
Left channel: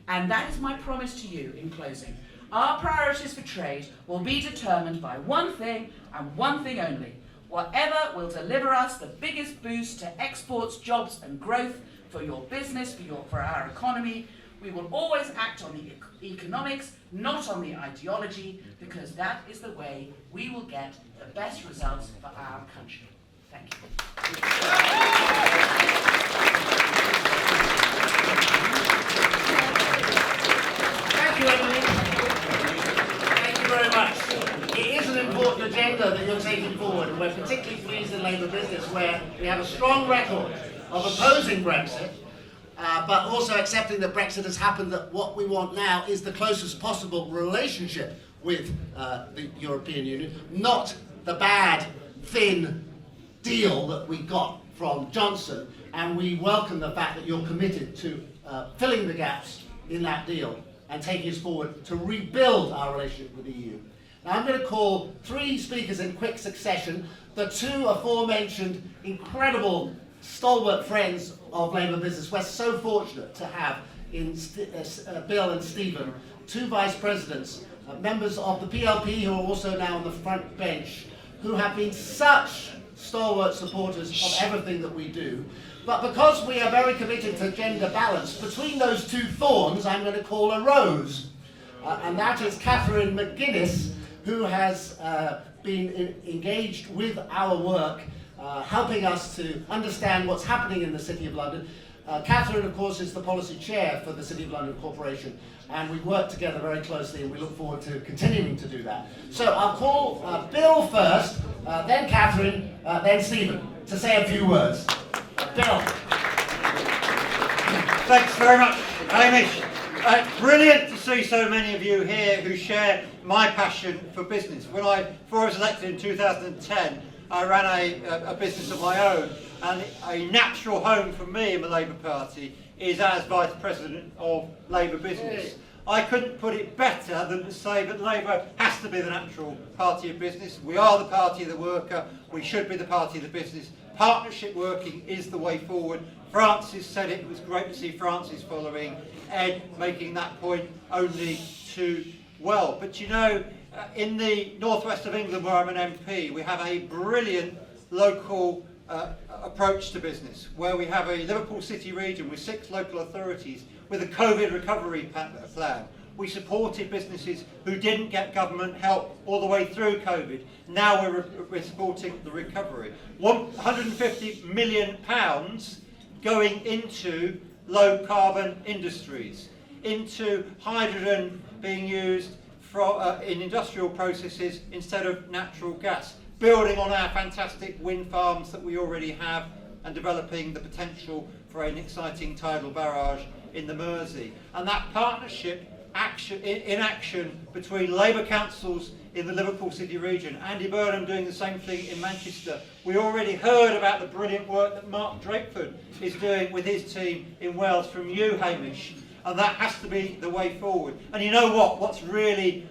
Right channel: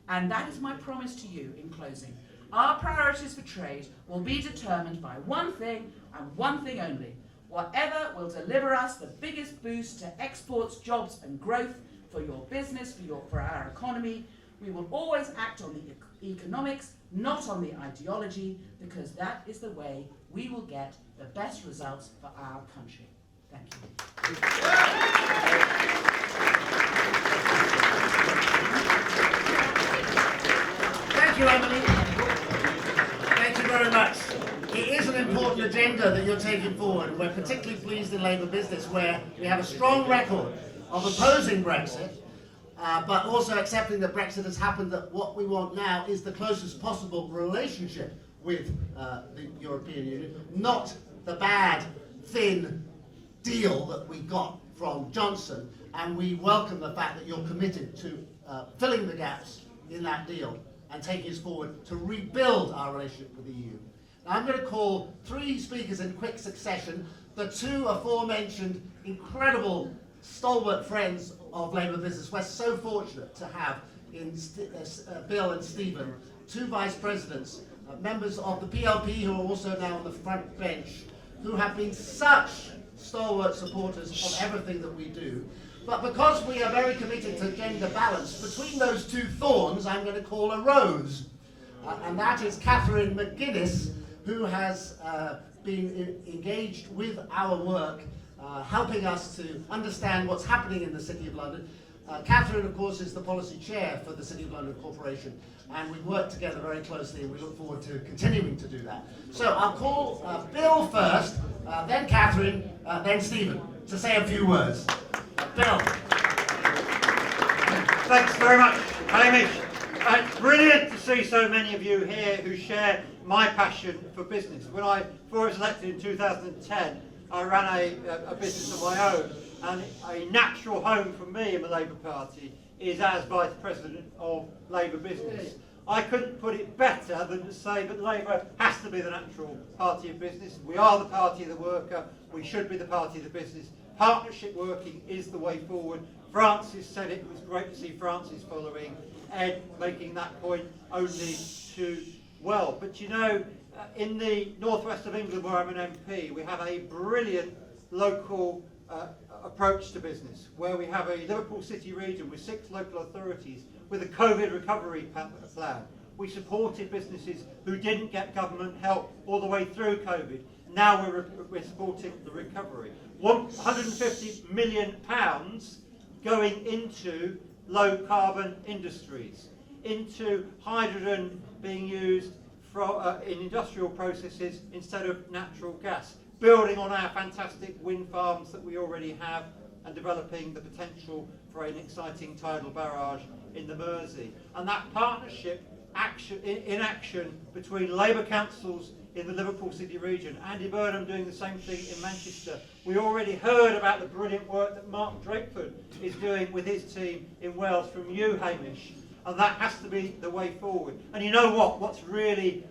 And that is my promise to you in closing. Our priorities for trade will be determined by one thing and one thing only. Whatever will deliver us the biggest boost to exports, jobs and growth for your business, for our economy. We will always act on the economics, not on the ideology, because that is the way we will get the best results for our country. Thank you. Thank you, Emily. Thank you very much. It is an important agenda that you're taking forward, and we're particularly pleased in Labour Business, where we have a strong record of opposing Brexit, but also accepting that Brexit has happened, that what we want now is the closest possible relationship with the European Union, not the bad, thin deal that we got from Johnson, and we welcome the fact that you're committed to filling the gaps in that deal and taking us forward to rebuild our relationship with the EU. Now I'm going to call 3 speakers in quick succession. The 2 aforementioned incredible stalwart friends of Labour business. We're so fortunate to have in Bill and Stephen, 2 vice presidents, members of the PLP who are also now on the front bench, who have been such stalwart supporters of everything that we do. But because we are very committed to gender balance, between those 2 thorns I'm going to call a rose. And that is Catherine Mcginnis, who has been engaged with our work, helping us to understand what's happening in the City of London. Catherine, of course, is the policy chair for the City of London Corporation, and we work together very closely, and we look forward to continuing to do that. So I'll call Bill first, then Catherine, then Stephen, to say a few words. Bill. Thanks very much, Hamish. Brilliant to see so many of you here who share my passion for business. Before I was elected in 2010, I ran a business of my own, and a natural home for me in the Labour Party is as Vice President of Labour Business. I couldn't put it better than to say that Labour has to be the natural party of business. We are the party of the worker. We should be the party of the business. Partnership working is the way forward. Francis said it. It was great to see Francis following Ed making that point only too well. But you know, in the northwest of England, where I'm an MP, we have a brilliant local approach to business, where we have a Liverpool City region with 6 local authorities with a COVID recovery plan. We supported businesses who didn't get government help all the way through COVID. Now we're supporting the recovery. £150 million going into low carbon industries, into hydrogen being used in industrial processes instead of natural gas, building on our fantastic wind farms that we already have and developing the potential for an exciting tidal barrage in the Mersey. And that partnership in action between Labour councils in the Liverpool City region, Andy Burnham doing the same thing in Manchester. We already heard about the brilliant work that Mark Drakeford is doing with his team in Wales from you, Hamish, and that has to be the way forward. And you know what? What's really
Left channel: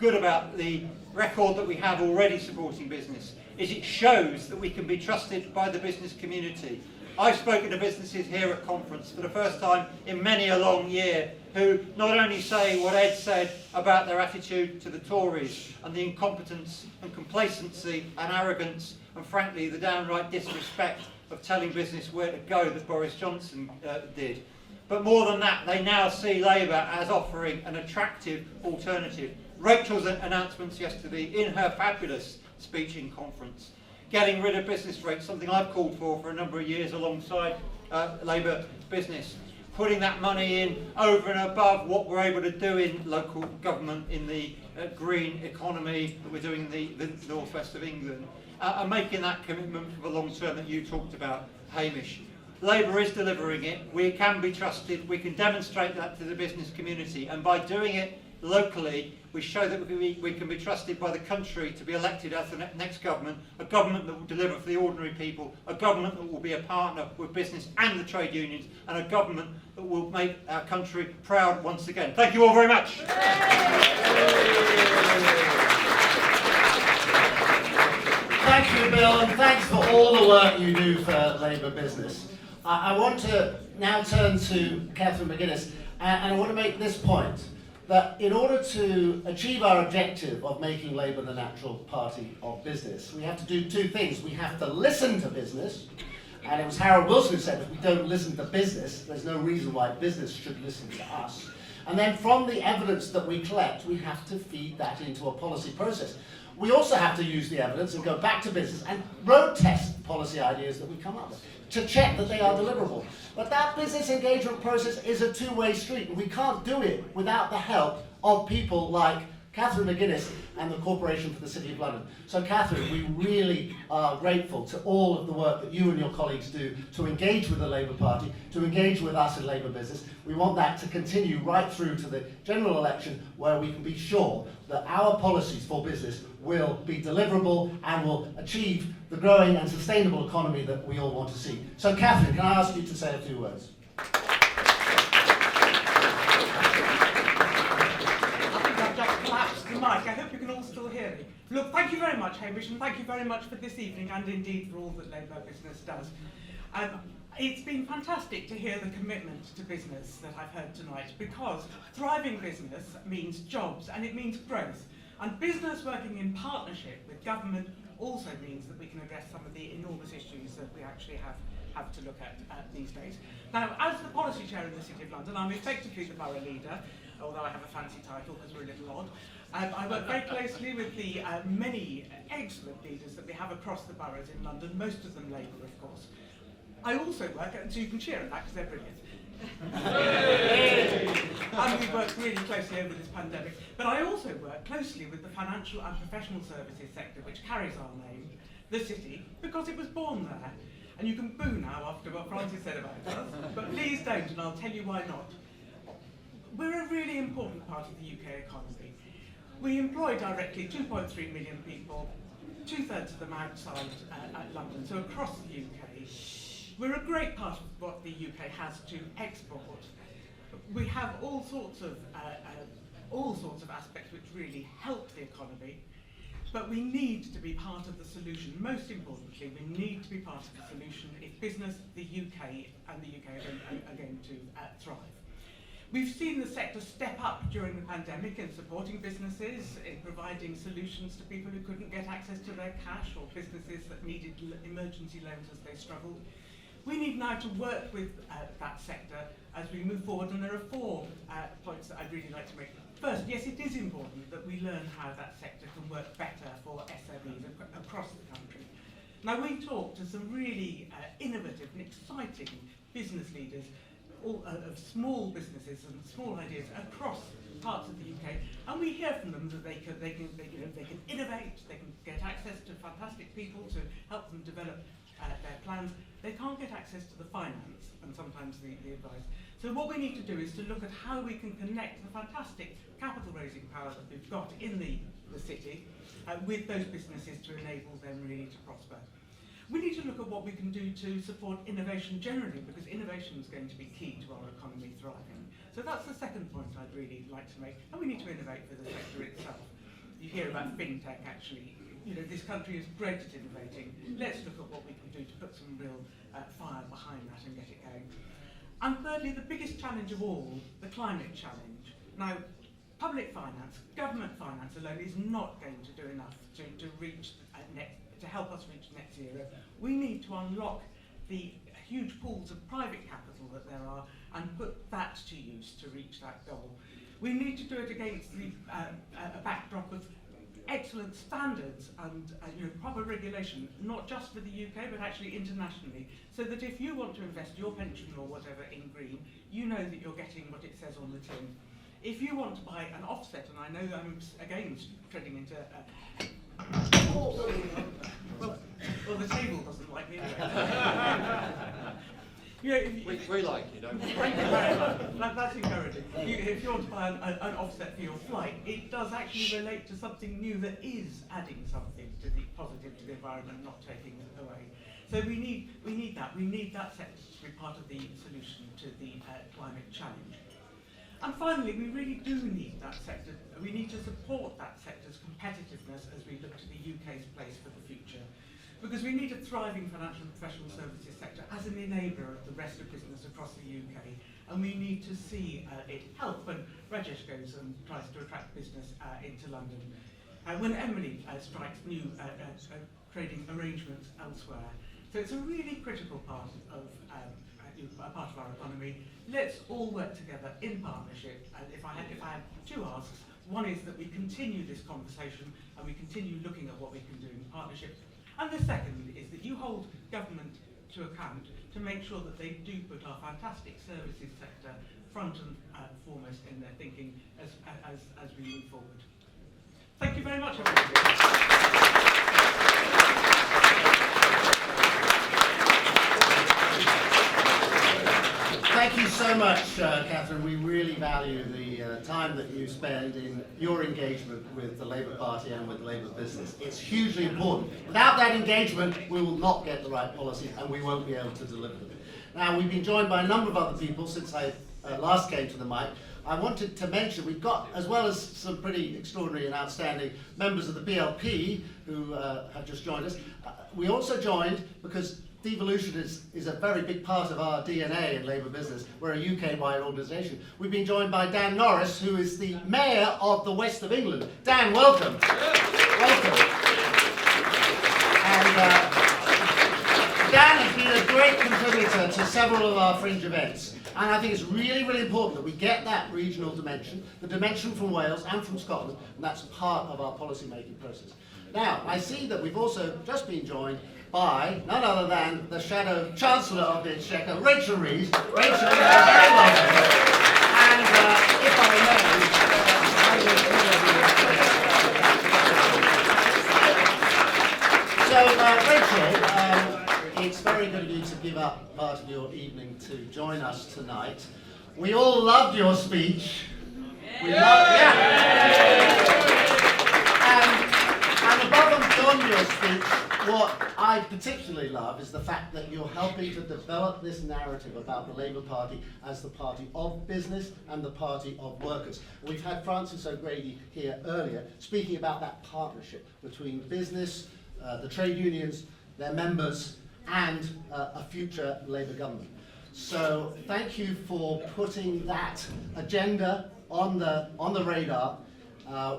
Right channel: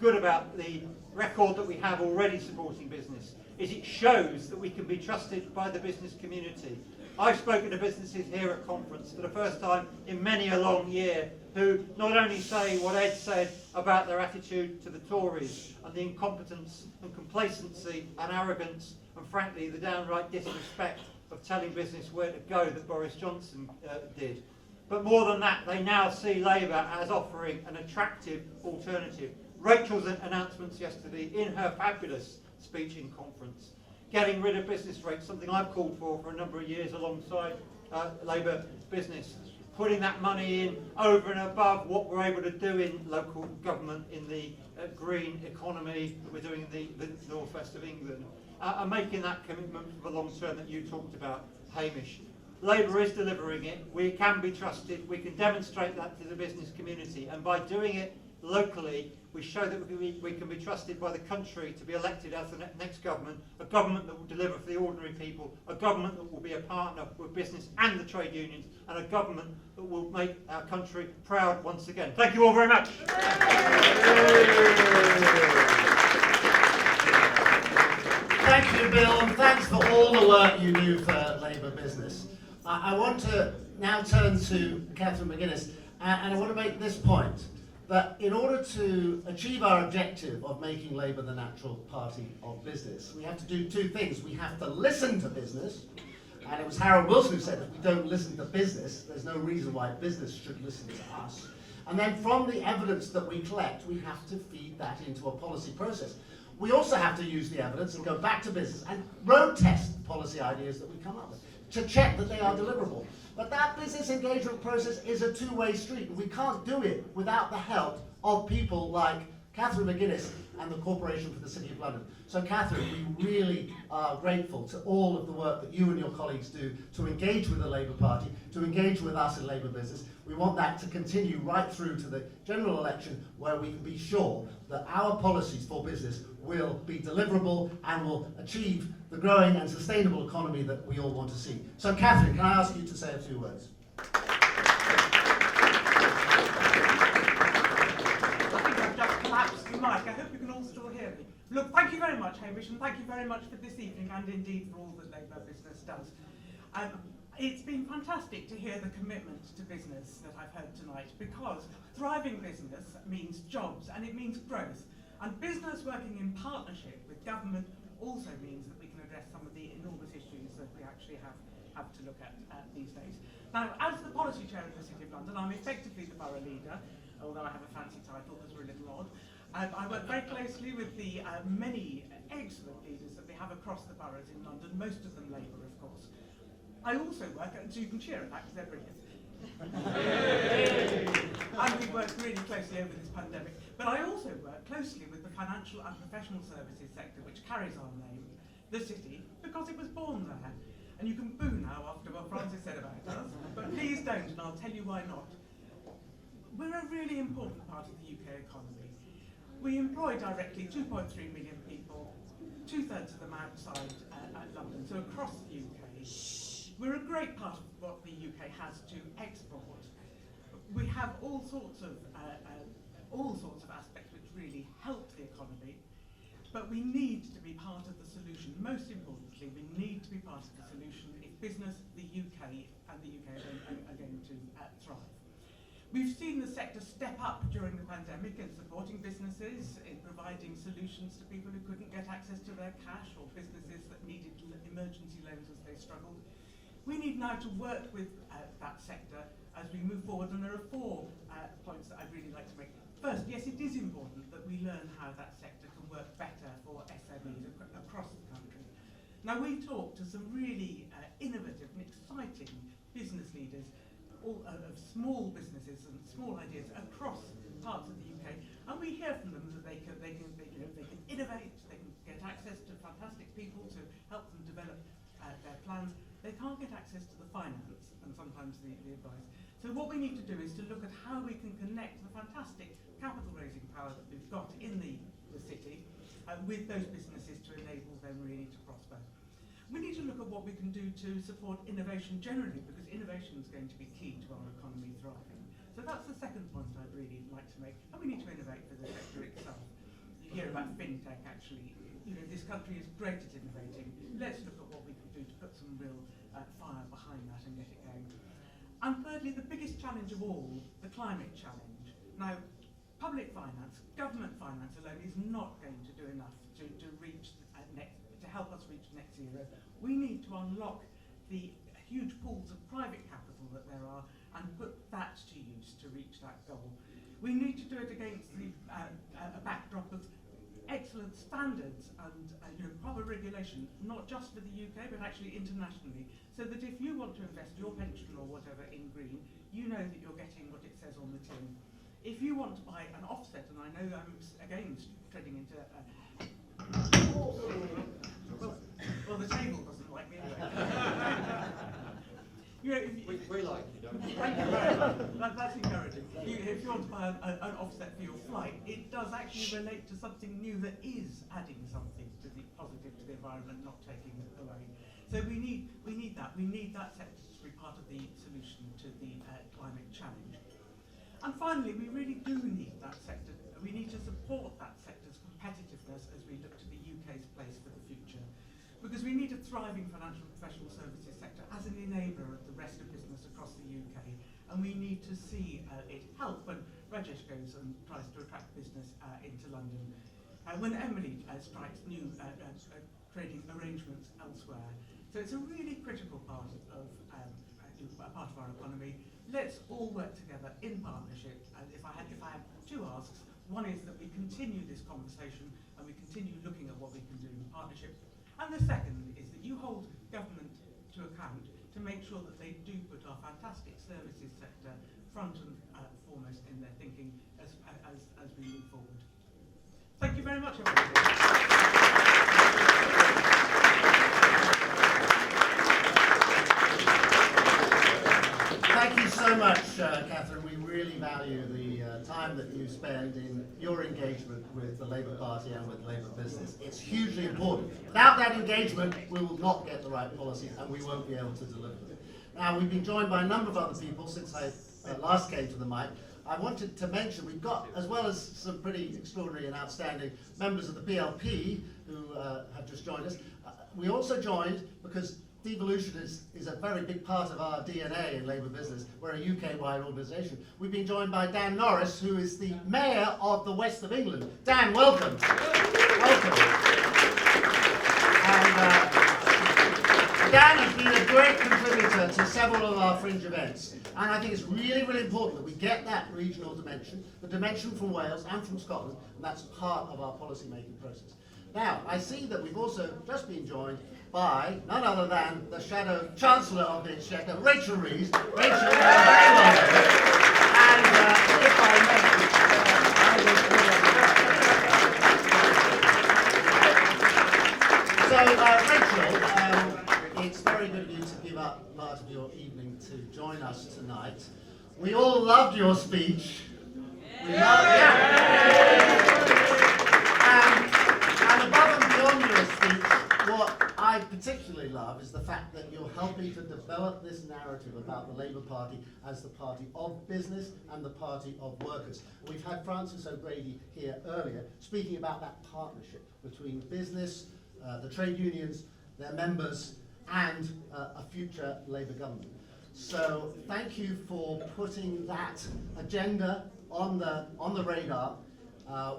good about the record that we have already supporting business is it shows that we can be trusted by the business community. I've spoken to businesses here at conference for the first time in many a long year who not only say what Ed said about their attitude to the Tories and the incompetence and complacency and arrogance and frankly the downright disrespect of telling business where to go that Boris Johnson did. But more than that, they now see Labour as offering an attractive alternative. Rachel's announcements yesterday in her fabulous speech in conference, getting rid of business rates, something I've called for a number of years alongside Labour business, putting that money in over and above what we're able to do in local government in the green economy that we're doing in the northwest of England, and making that commitment for the long term that you talked about, Hamish. Labour is delivering it. We can be trusted. We can demonstrate that to the business community, and by doing it locally, we show that we can be trusted by the country to be elected as the next government, a government that will deliver for the ordinary people, a government that will be a partner with business and the trade unions, and a government that will make our country proud once again. Thank you all very much. Thank you, Bill, and thanks for all the work you do for Labour business. I want to now turn to Catherine Mcginnis, and I want to make this point, that in order to achieve our objective of making Labour the natural party of business, we have to do 2 things. We have to listen to business, and it was Harold Wilson who said if we don't listen to business, there's no reason why business should listen to us. And then from the evidence that we collect, we have to feed that into a policy process. We also have to use the evidence and go back to business and road test policy ideas that we come up with to check that they are deliverable. But that business engagement process is a 2-way street, and we can't do it without the help of people like Catherine Mcginnis and the Corporation for the City of London. So Catherine, we really are grateful to all of the work that you and your colleagues do to engage with the Labour Party, to engage with us in Labour business. We want that to continue right through to the general election, where we can be sure that our policies for business will be deliverable and will achieve the growing and sustainable economy that we all want to see. So Catherine, can I ask you to say a few words? I think I've just collapsed the mic. I hope you can all still Hamish, and thank you very much for this evening and indeed for all that Labour Business does. It's been fantastic to hear the commitment to business that I've heard tonight, because thriving business means jobs and it means growth. And business working in partnership with government also means that we can address some of the enormous issues that we actually have to look at these days. Now, as the policy chair in the City of London, I'm effectively the borough leader, although I have a fancy title because we're a little odd. I work very closely with the many excellent leaders that we have across the boroughs in London, most of them Labour, of course. I also work, so you can cheer them back because they're brilliant. And we've worked really closely over this pandemic. But I also work closely with the financial and professional services sector, which carries our name, the City, because it was born there. And you can boo now after what Francis said about us, but please don't, and I'll tell you why not. We're a really important part of the UK economy. We employ directly 2.3 million people, 2/3 of them outside London, so across the UK. We're a great part of what the UK has to export. We have all sorts of aspects which really help the economy, but we need to be part of the solution. Most importantly, we need to be part of the solution if business, the UK, and the UK are going to thrive. We've seen the sector step up during the pandemic in supporting businesses, in providing solutions to people who couldn't get access to their cash, or businesses that needed emergency loans as they struggled. We need now to work with that sector as we move forward, and there are 4 points that I'd really like to make. First, yes, it is important that we learn how that sector can work better for SMEs across the country. Now, we talked to some really innovative and exciting business leaders of small businesses and small ideas across parts of the UK, and we hear from them that they can innovate, they can get access to fantastic people to help them develop their plans. They can't get access to the finance and sometimes the advice. So what we need to do is to look at how we can connect the fantastic capital raising power that we've got in the city with those businesses to enable them really to prosper. We need to look at what we can do to support innovation generally, because innovation is going to be key to our economy thriving. So that's the second point I'd really like to make. And we need to innovate for the sector itself. You hear about fintech, actually. You know, this country is great at innovating. Let's look at what we can do to put some real fire behind that and get it going. And thirdly, the biggest challenge of all, the climate challenge. Now, public finance, government finance alone is not going to do enough to reach to help us reach net zero. We need to unlock the huge pools of private capital that there are and put that to use to reach that goal. We need to do it against the a backdrop of excellent standards and proper regulation, not just for the UK but actually internationally, so that if you want to invest your pension or whatever in green, you know that you're getting what it says on the tin. If you want to buy an offset, and I know I'm again treading into well, the table doesn't like me anyway. We like you, don't we? Thank you very much. That's encouraging. If you want to buy an offset for your flight, it does actually relate to something new that is adding something to the positive to the environment, not taking it away. So we need that. We need that sector to be part of the solution to the climate challenge. And finally, we really do need that sector. We need to support that sector's competitiveness as we look to the UK's place for the future. Because we need a thriving financial and professional services sector as an enabler of the rest of business across the UK. And we need to see it help when Rajesh goes and tries to attract business into London. When Emily strikes new trading arrangements elsewhere. So it's a really critical part of our economy. Let's all work together in partnership. And if I had 2 asks, one is that we continue this conversation and we continue looking at what we can do in partnership. And the second is that you hold government to account to make sure that they do put our fantastic services sector front and foremost in their thinking as we move forward. Thank you very much, everybody. Thank you so much, Catherine. We really value the time that you spend in your engagement with the Labour Party and with Labour business. It's hugely important. Without that engagement, we will not get the right policies and we won't be able to deliver them. Now, we've been joined by a number of other people since I last came to the mic. I wanted to mention we've got, as well as some pretty extraordinary and outstanding members of the BLP, who have just joined us. We also joined because devolution is a very big part of our DNA in Labour business. We're a UK-wide organisation. We've been joined by Dan Norris, who is the Mayor of the West of England. Dan, welcome. Welcome. And Dan has been a great contributor to several of our fringe events. And I think it's really, really important that we get that regional dimension, the dimension from Wales and from Scotland, and that's part of our policy-making process. Now, I see that we've also just been joined by none other than the Shadow Chancellor of the Exchequer, Rachel Rees. Rachel, you're very welcome. And if I may, Rachel, it's very good of you to give up part of your evening to join us tonight. We all loved your speech. We loved it. And above and beyond your speech, what I particularly love is the fact that you're helping to develop this narrative about the Labour Party as the party of business and the party of workers. We've had Francis O'Grady here earlier speaking about that partnership between business, the trade unions, their members, and a future Labour government. So thank you for putting that agenda on the radar.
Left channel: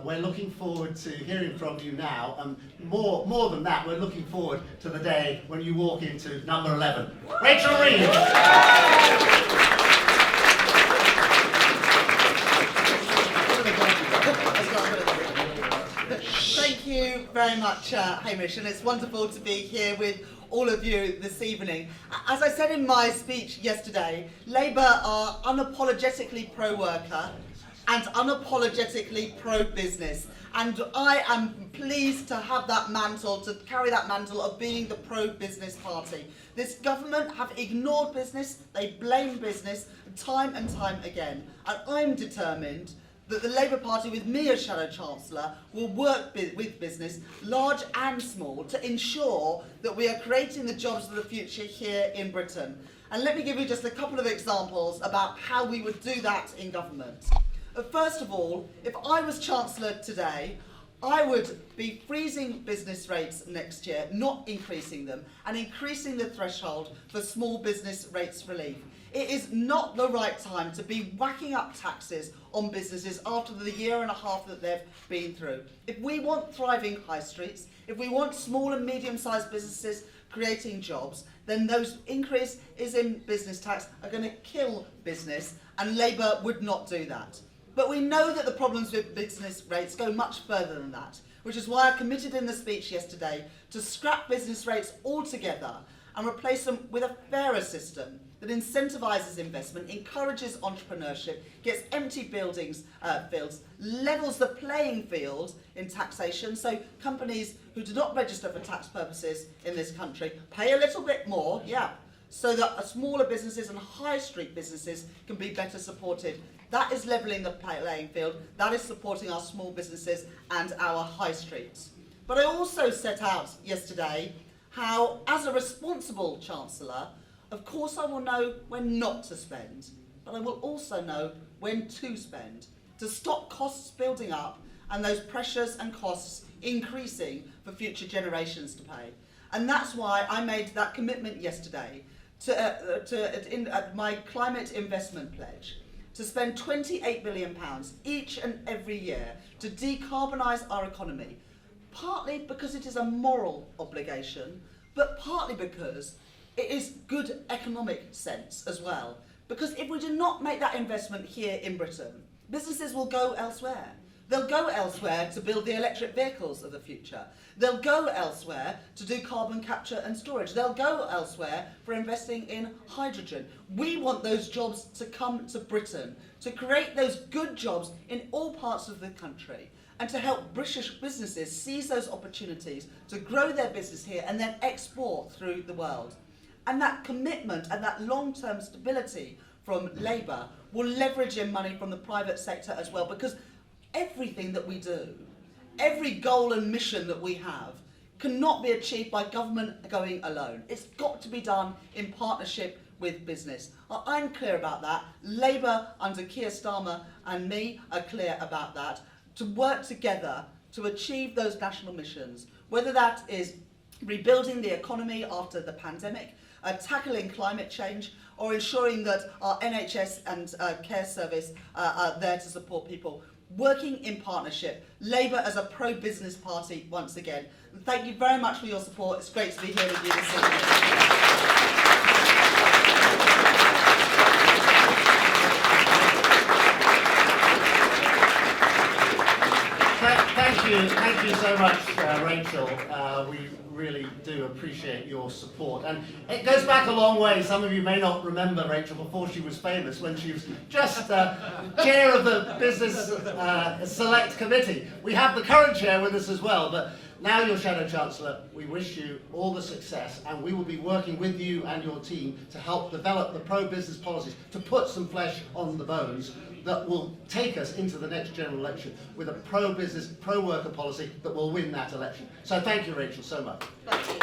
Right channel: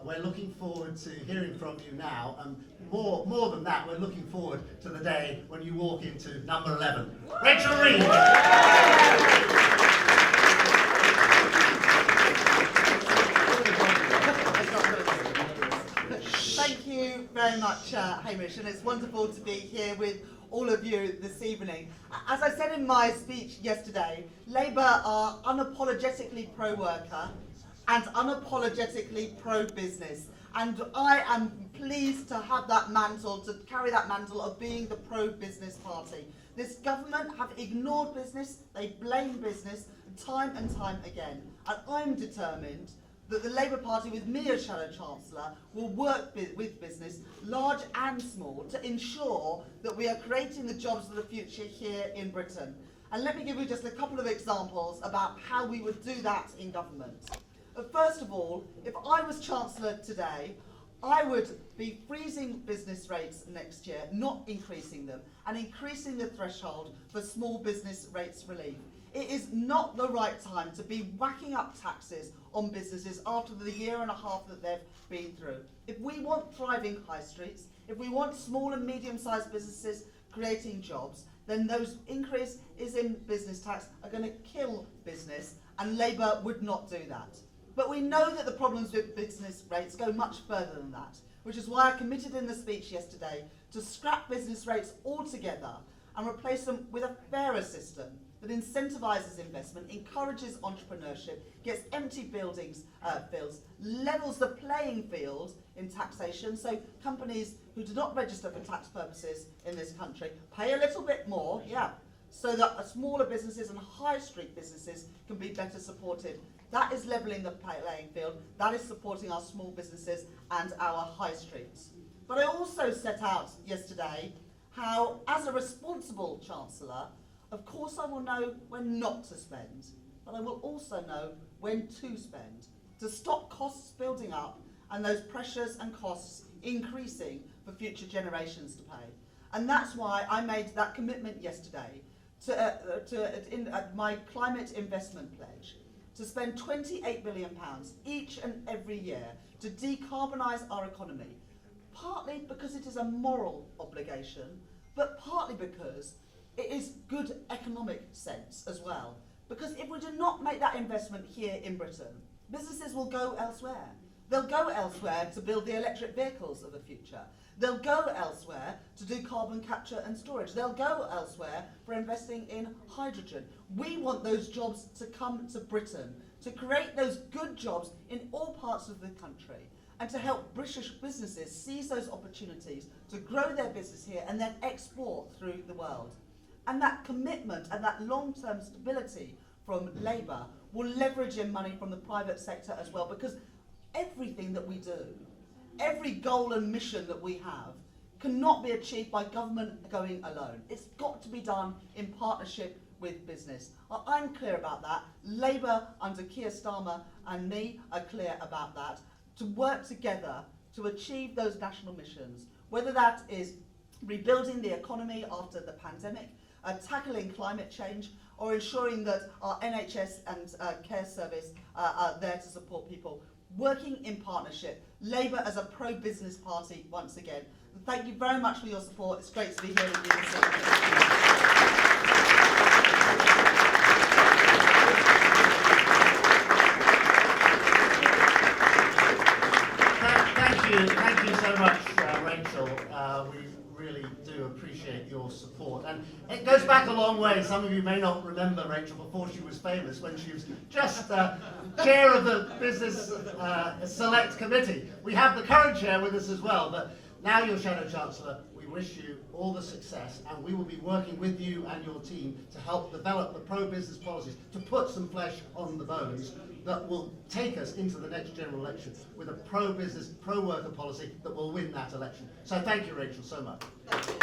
We're looking forward to hearing from you now, and more than that, we're looking forward to the day when you walk into number 11. Rachel Rees! Thank you very much, Hamish, and it's wonderful to be here with all of you this evening. As I said in my speech yesterday, Labour are unapologetically pro-worker and unapologetically pro-business. And I am pleased to have that mantle, to carry that mantle of being the pro-business party. This government have ignored business, they blame business time and time again. And I'm determined that the Labour Party, with me as Shadow Chancellor, will work with business, large and small, to ensure that we are creating the jobs of the future here in Britain. And let me give you just a couple of examples about how we would do that in government. First of all, if I was Chancellor today, I would be freezing business rates next year, not increasing them, and increasing the threshold for small business rates relief. It is not the right time to be whacking up taxes on businesses after the year and a half that they've been through. If we want thriving high streets, if we want small and medium-sized businesses creating jobs, then those increases in business tax are going to kill business, and Labour would not do that. But we know that the problems with business rates go much further than that, which is why I committed in the speech yesterday to scrap business rates altogether and replace them with a fairer system that incentivises investment, encourages entrepreneurship, gets empty buildings filled, levels the playing field in taxation, so companies who do not register for tax purposes in this country pay a little bit more, so that smaller businesses and high street businesses can be better supported. That is levelling the playing field, that is supporting our small businesses and our high streets. But I also set out yesterday how, as a responsible Chancellor, of course I will know when not to spend, but I will also know when to spend, to stop costs building up and those pressures and costs increasing for future generations to pay. And that's why I made that commitment yesterday to my climate investment pledge, to spend £28 billion each and every year to decarbonise our economy, partly because it is a moral obligation, but partly because it is good economic sense as well. Because if we do not make that investment here in Britain, businesses will go elsewhere. They'll go elsewhere to build the electric vehicles of the future. They'll go elsewhere to do carbon capture and storage. They'll go elsewhere for investing in hydrogen. We want those jobs to come to Britain, to create those good jobs in all parts of the country, and to help British businesses seize those opportunities to grow their business here and then export through the world. And that commitment and that long-term stability from Labour will leverage in money from the private sector as well, because everything that we do, every goal and mission that we have, cannot be achieved by government going alone. It's got to be done in partnership with business. I'm clear about that. Labour under Keir Starmer and me are clear about that, to work together to achieve those national missions. whether that is rebuilding the economy after the pandemic, tackling climate change, or ensuring that our NHS and care service are there to support people. Working in partnership, Labour as a pro-business party once again. And thank you very much for your support. It's great to be here with you this evening. Thank you so much, Rachel. We really do appreciate your support. And it goes back a long way. Some of you may not remember Rachel before she was famous, when she was just chair of the Business Select Committee. We have the current chair with us as well, but now you're Shadow Chancellor. We wish you all the success, and we will be working with you and your team to help develop the pro-business policies, to put some flesh on the bones that will take us into the next general election with a pro-business, pro-worker policy that will win that election. So thank you, Rachel, so much. Thank you.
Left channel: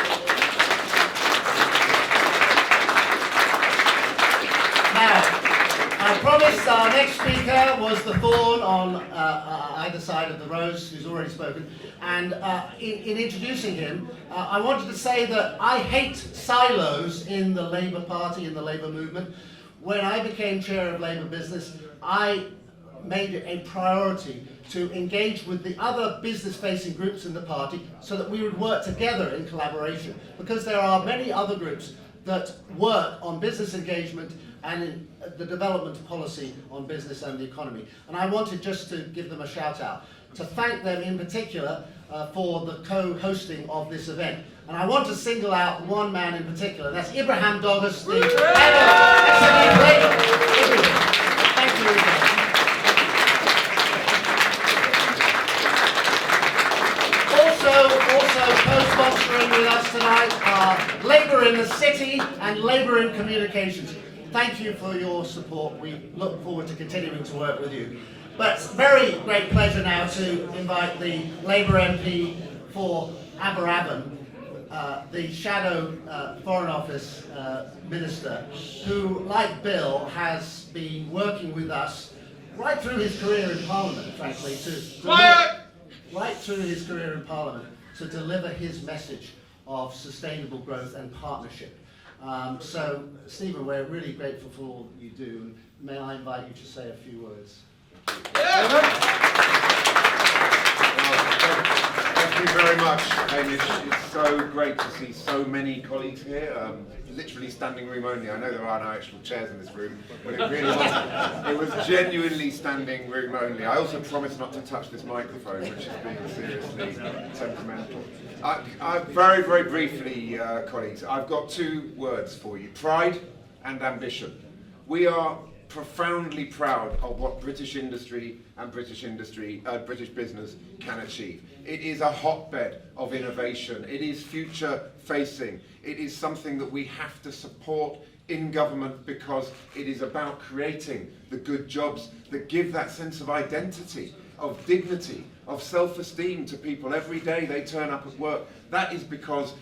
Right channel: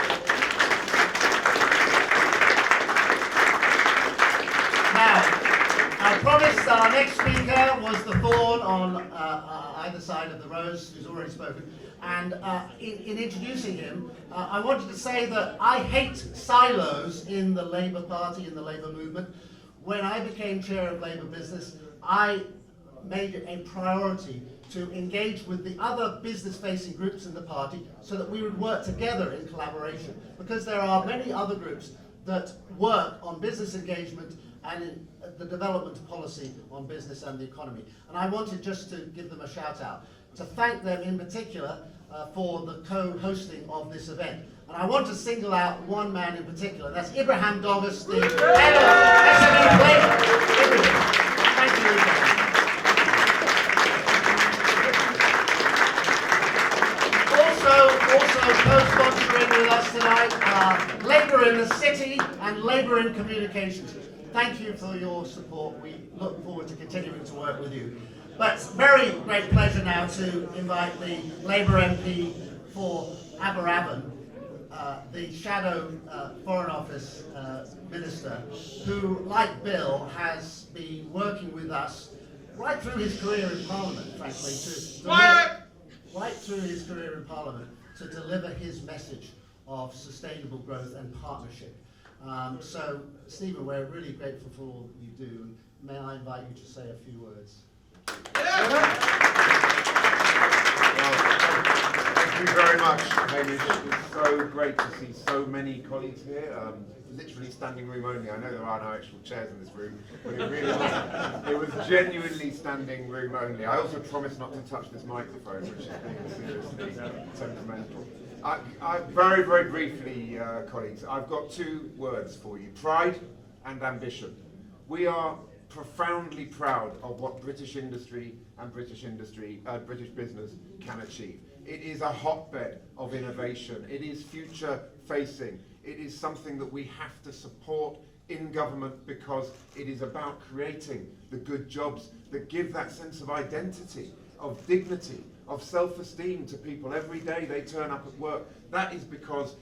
Now, I promised our next speaker was the thorn on either side of the rose, who's already spoken. And in introducing him, I wanted to say that I hate silos in the Labour Party, in the Labour movement. When I became chair of Labour Business, I made it a priority to engage with the other business-facing groups in the party so that we would work together in collaboration, because there are many other groups that work on business engagement and in the development of policy on business and the economy. And I wanted just to give them a shout out, to thank them in particular for the co-hosting of this event. And I want to single out one man in particular, and that's Ibrahim Douglas, the head of Labour. Thank you, Ibrahim. Also co-sponsoring with us tonight are Labour in the City and Labour in Communications. Thank you for your support. We look forward to continuing to work with you. But it's a very great pleasure now to invite the Labour MP for Aberavon, the Shadow Foreign Office Minister, who, like Bill, has been working with us right through his career in Parliament, frankly, right through his career in Parliament, to deliver his message of sustainable growth and partnership. So, Stephen, we're really grateful for all that you do. May I invite you to say a few words? Thank you very much, Hamish. It's so great to see so many colleagues here. Literally standing room only. I know there are no actual chairs in this room, but it really was. It was genuinely standing room only. I also promised not to touch this microphone, which is being seriously temperamental. Very, very briefly, colleagues, I've got two words for you: pride and ambition. We are profoundly proud of what British industry and British business can achieve. It is a hotbed of innovation. It is future facing. It is something that we have to support in government, because it is about creating the good jobs that give that sense of identity, of dignity, of self-esteem to people every day they turn up at work. That is because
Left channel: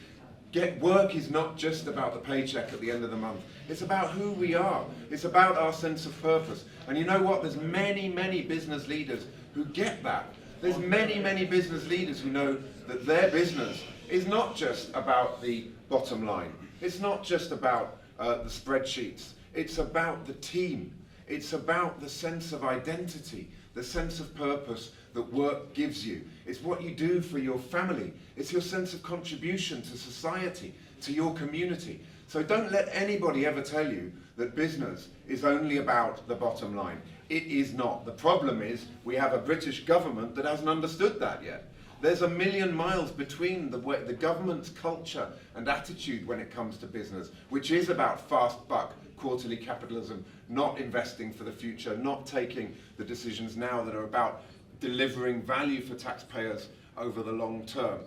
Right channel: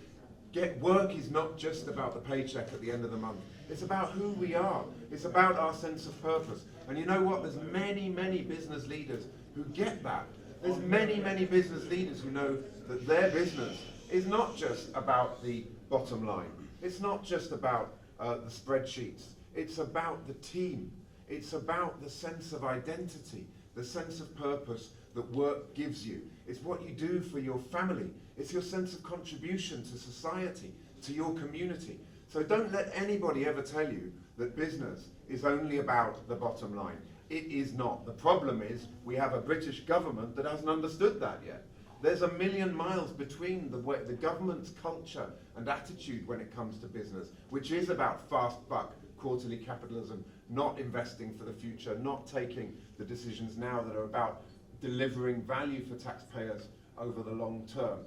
work is not just about the paycheck at the end of the month. It's about who we are. It's about our sense of purpose. And you know what? There's many, many business leaders who get that. There's many, many business leaders who know that their business is not just about the bottom line. It's not just about the spreadsheets. It's about the team. It's about the sense of identity, the sense of purpose that work gives you. It's what you do for your family. It's your sense of contribution to society, to your community. So don't let anybody ever tell you that business is only about the bottom line. It is not. The problem is we have a British government that hasn't understood that yet. There's a million miles between the government's culture and attitude when it comes to business, which is about fast buck, quarterly capitalism, not investing for the future, not taking the decisions now that are about delivering value for taxpayers over the long term.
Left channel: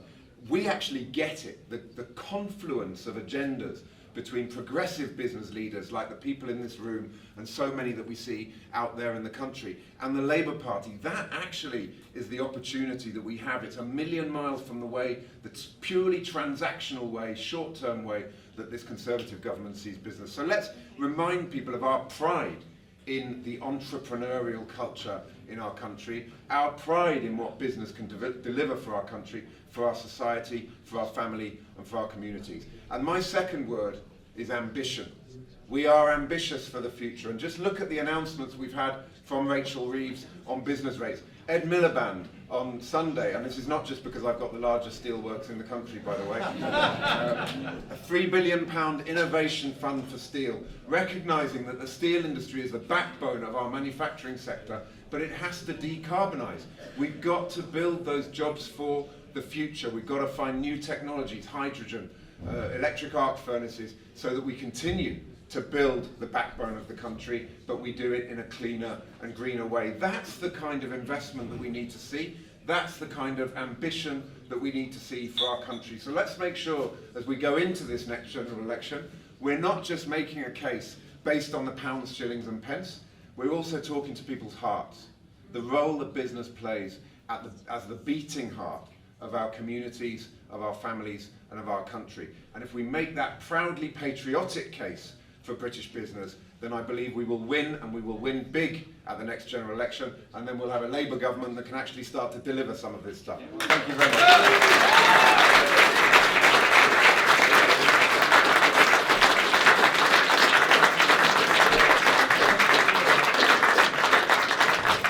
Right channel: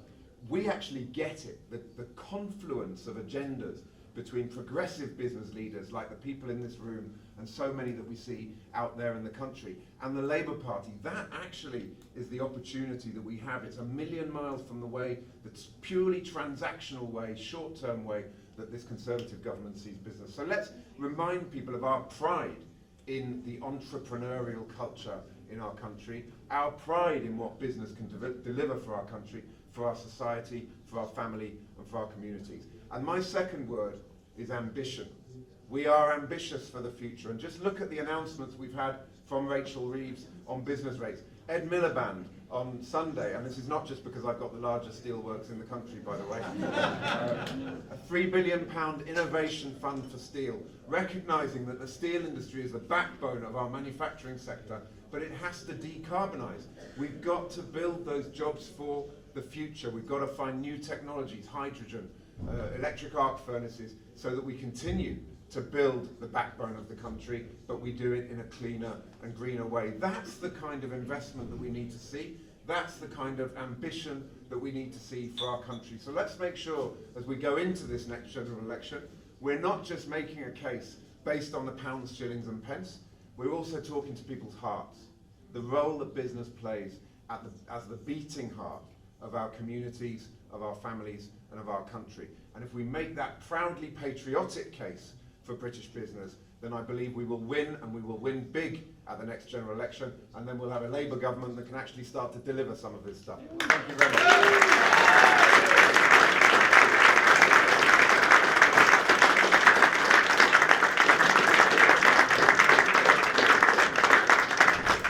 We actually get it, the confluence of agendas between progressive business leaders like the people in this room and so many that we see out there in the country, and the Labour Party. That actually is the opportunity that we have. It's a million miles from the way, the purely transactional way, short-term way that this Conservative government sees business. So let's remind people of our pride in the entrepreneurial culture in our country, our pride in what business can deliver for our country. for our society, for our family, and for our communities. And my second word is ambition. We are ambitious for the future, and just look at the announcements we've had from Rachel Reeves on business rates. Ed Miliband on Sunday, and this is not just because I've got the largest steelworks in the country, by the way, a £3 billion innovation fund for steel, recognising that the steel industry is the backbone of our manufacturing sector, but it has to decarbonise. We've got to build those jobs for the future. We've got to find new technologies, hydrogen, electric arc furnaces, so that we continue to build the backbone of the country, but we do it in a cleaner and greener way. That's the kind of investment that we need to see. That's the kind of ambition that we need to see for our country. So let's make sure, as we go into this next general election, we're not just making a case based on the pounds, shillings and pence. We're also talking to people's hearts. The role that business plays as the beating heart of our communities, of our families and of our country. And if we make that proudly patriotic case for British business, then I believe we will win, and we will win big at the next general election, and then we'll have a Labour government that can actually start to deliver some of this stuff. Thank you very much.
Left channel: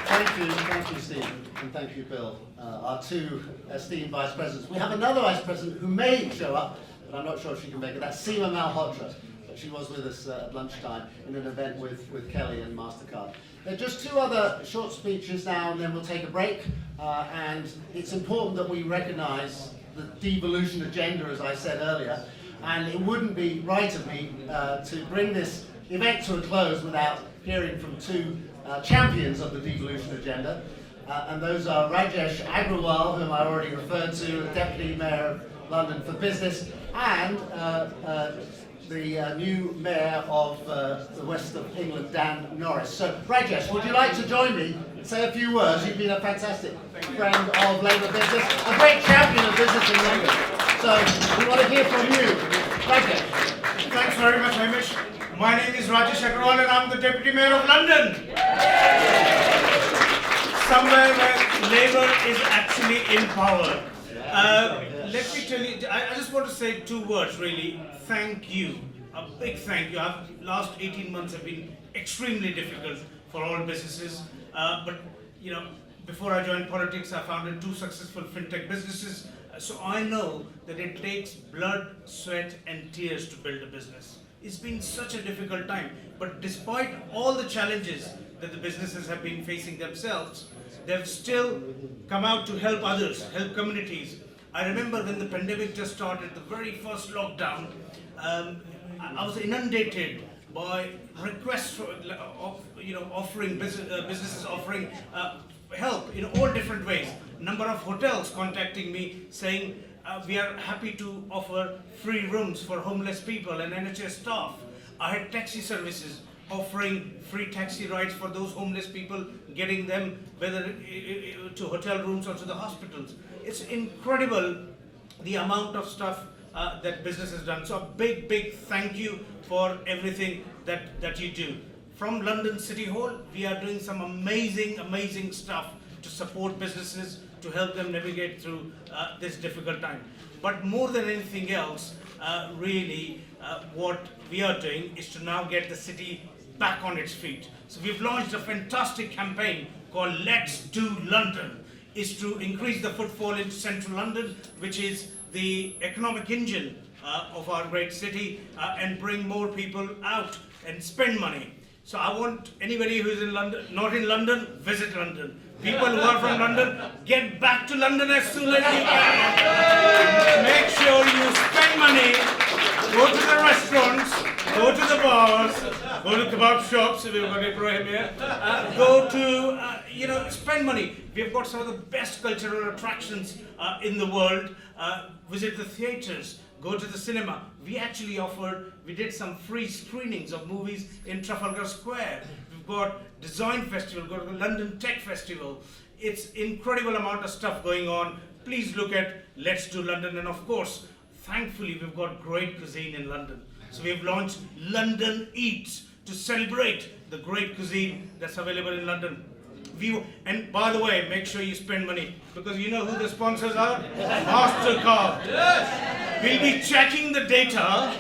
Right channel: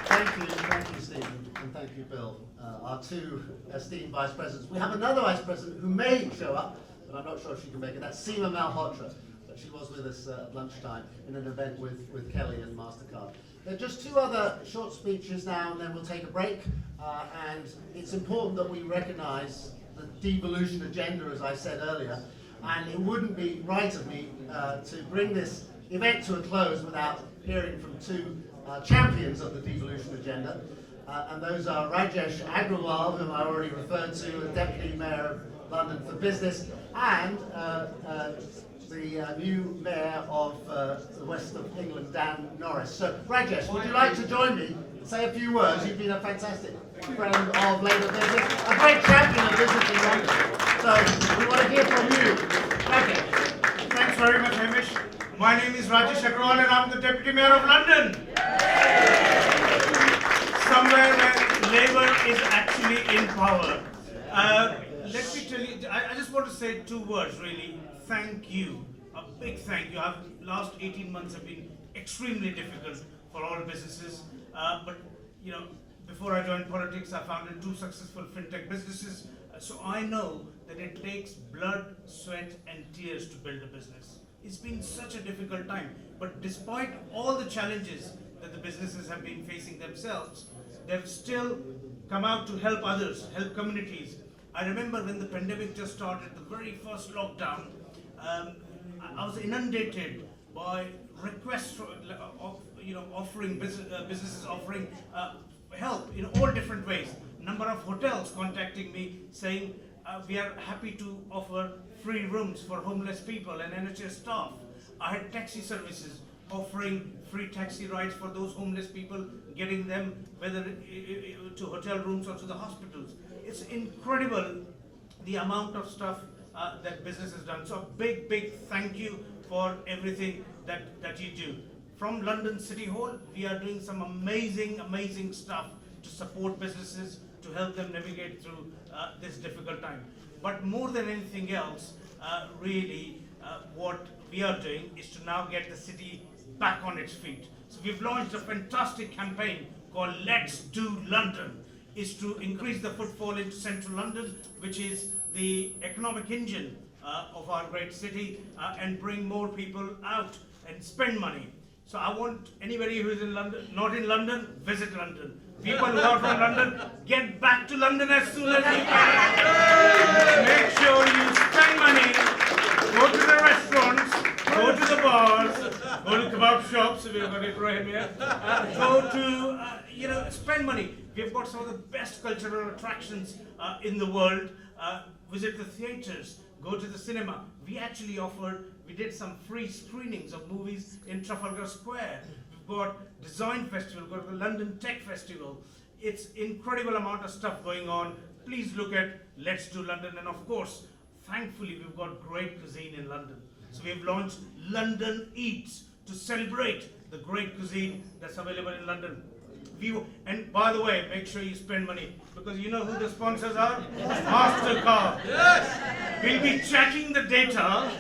Thank you, Stephen, and thank you, Bill, our two esteemed vice presidents. We have another vice president who may show up, but I'm not sure if she can make it. That's Seema Malhotra. She was with us at lunchtime in an event with Kelly and MasterCard. There are just two other short speeches now, and then we'll take a break. And it's important that we recognise the devolution agenda, as I said earlier. And it wouldn't be right of me to bring this event to a close without hearing from two champions of the devolution agenda. And those are Rajesh Agrawal, whom I already referred to, the Deputy Mayor of London for Business, and the new Mayor of the West of England, Dan Norris. So, Rajesh, would you like to join me and say a few words? You've been a fantastic friend of Labour business, a great champion of business in London. So, we want to hear from you. Rajesh. Thanks very much, Hamish. My name is Rajesh Agrawal and I'm the Deputy Mayor of London. Somewhere where Labour is actually in power. Let me tell you, I just want to say two words really. Thank you, a big thank you. Last 18 months have been extremely difficult for all businesses. But you know, before I joined politics, I founded two successful fintech businesses. So I know that it takes blood, sweat, and tears to build a business. It's been such a difficult time. But despite all the challenges that the businesses have been facing themselves, they've still come out to help others, help communities. I remember when the pandemic just started, the very first lockdown, I was inundated by requests for, offering businesses offering help in all different ways. Number of hotels contacting me saying we are happy to offer free rooms for homeless people and NHS staff. I had taxi services offering free taxi rides for those homeless people, getting them whether to hotel rooms or to the hospitals. It's incredible the amount of stuff that business has done. So a big, big thank you for everything that you do. From London City Hall, we are doing some amazing, amazing stuff to support businesses, to help them navigate through this difficult time. But more than anything else, what we are doing is to now get the city back on its feet. So we've launched a fantastic campaign called Let's Do London. Is to increase the footfall into central London, which is the economic engine of our great city, and bring more people out and spend money. So I want anybody who's in London, not in London, visit London. People who are from London, get back to London as soon as you can. Make sure you spend money, go to the restaurants, go to the bars, go to kebab shops, if you've got Ibrahim here, go to, spend money. We've got some of the best cultural attractions in the world. Visit the theatres, go to the cinema. We did some free screenings of movies in Trafalgar Square. We've got Design Festival, we've got the London Tech Festival. It's incredible amount of stuff going on. Please look at Let's Do London. And of course, thankfully, we've got great cuisine in London. So we've launched London Eats to celebrate the great cuisine that's available in London. And by the way, make sure you spend money, because you know who the sponsors are? MasterCard. We'll be checking the data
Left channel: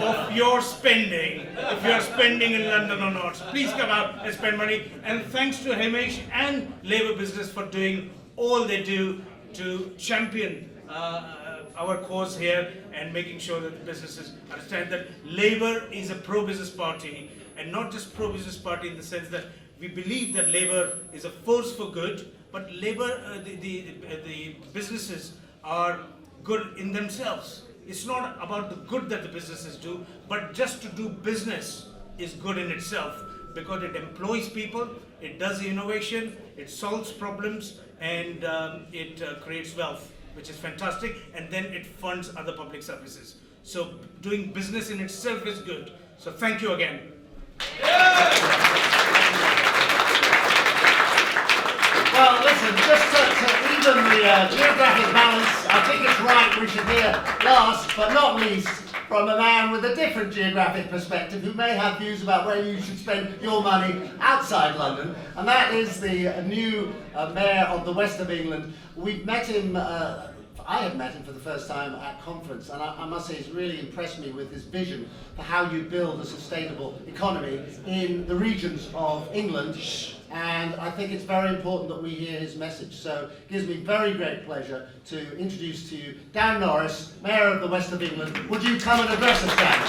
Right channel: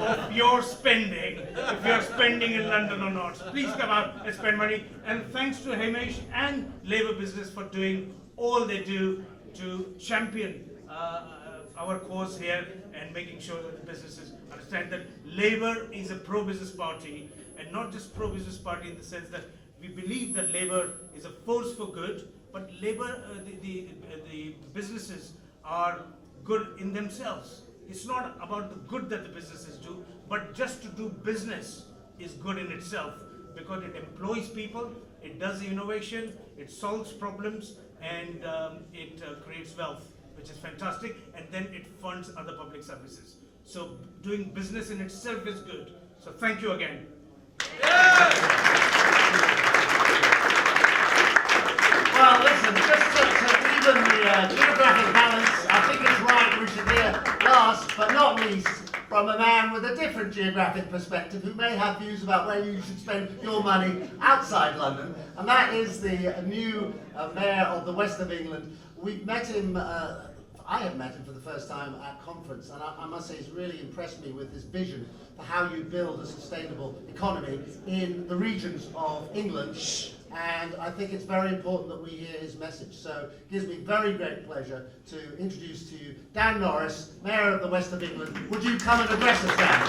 of your spending, if you're spending in London or not. So please come out and spend money. And thanks to Hamish and Labour Business for doing all they do to champion our cause here and making sure that the businesses understand that Labour is a pro-business party, and not just pro-business party in the sense that we believe that Labour is a force for good, but Labour, the businesses are good in themselves. It's not about the good that the businesses do, but just to do business is good in itself, because it employs people, it does innovation, it solves problems, and it creates wealth, which is fantastic, and then it funds other public services. So doing business in itself is good. So thank you again. Well, listen, just to even the geographic balance, I think it's right we should hear last but not least from a man with a different geographic perspective who may have views about where you should spend your money outside London, and that is the new Mayor of the West of England. We've met him, I have met him for the first time at conference, and I must say he's really impressed me with his vision for how you build a sustainable economy in the regions of England. And I think it's very important that we hear his message. So it gives me very great pleasure to introduce to you Dan Norris, Mayor of the West of England. Would you come and address us, Dan?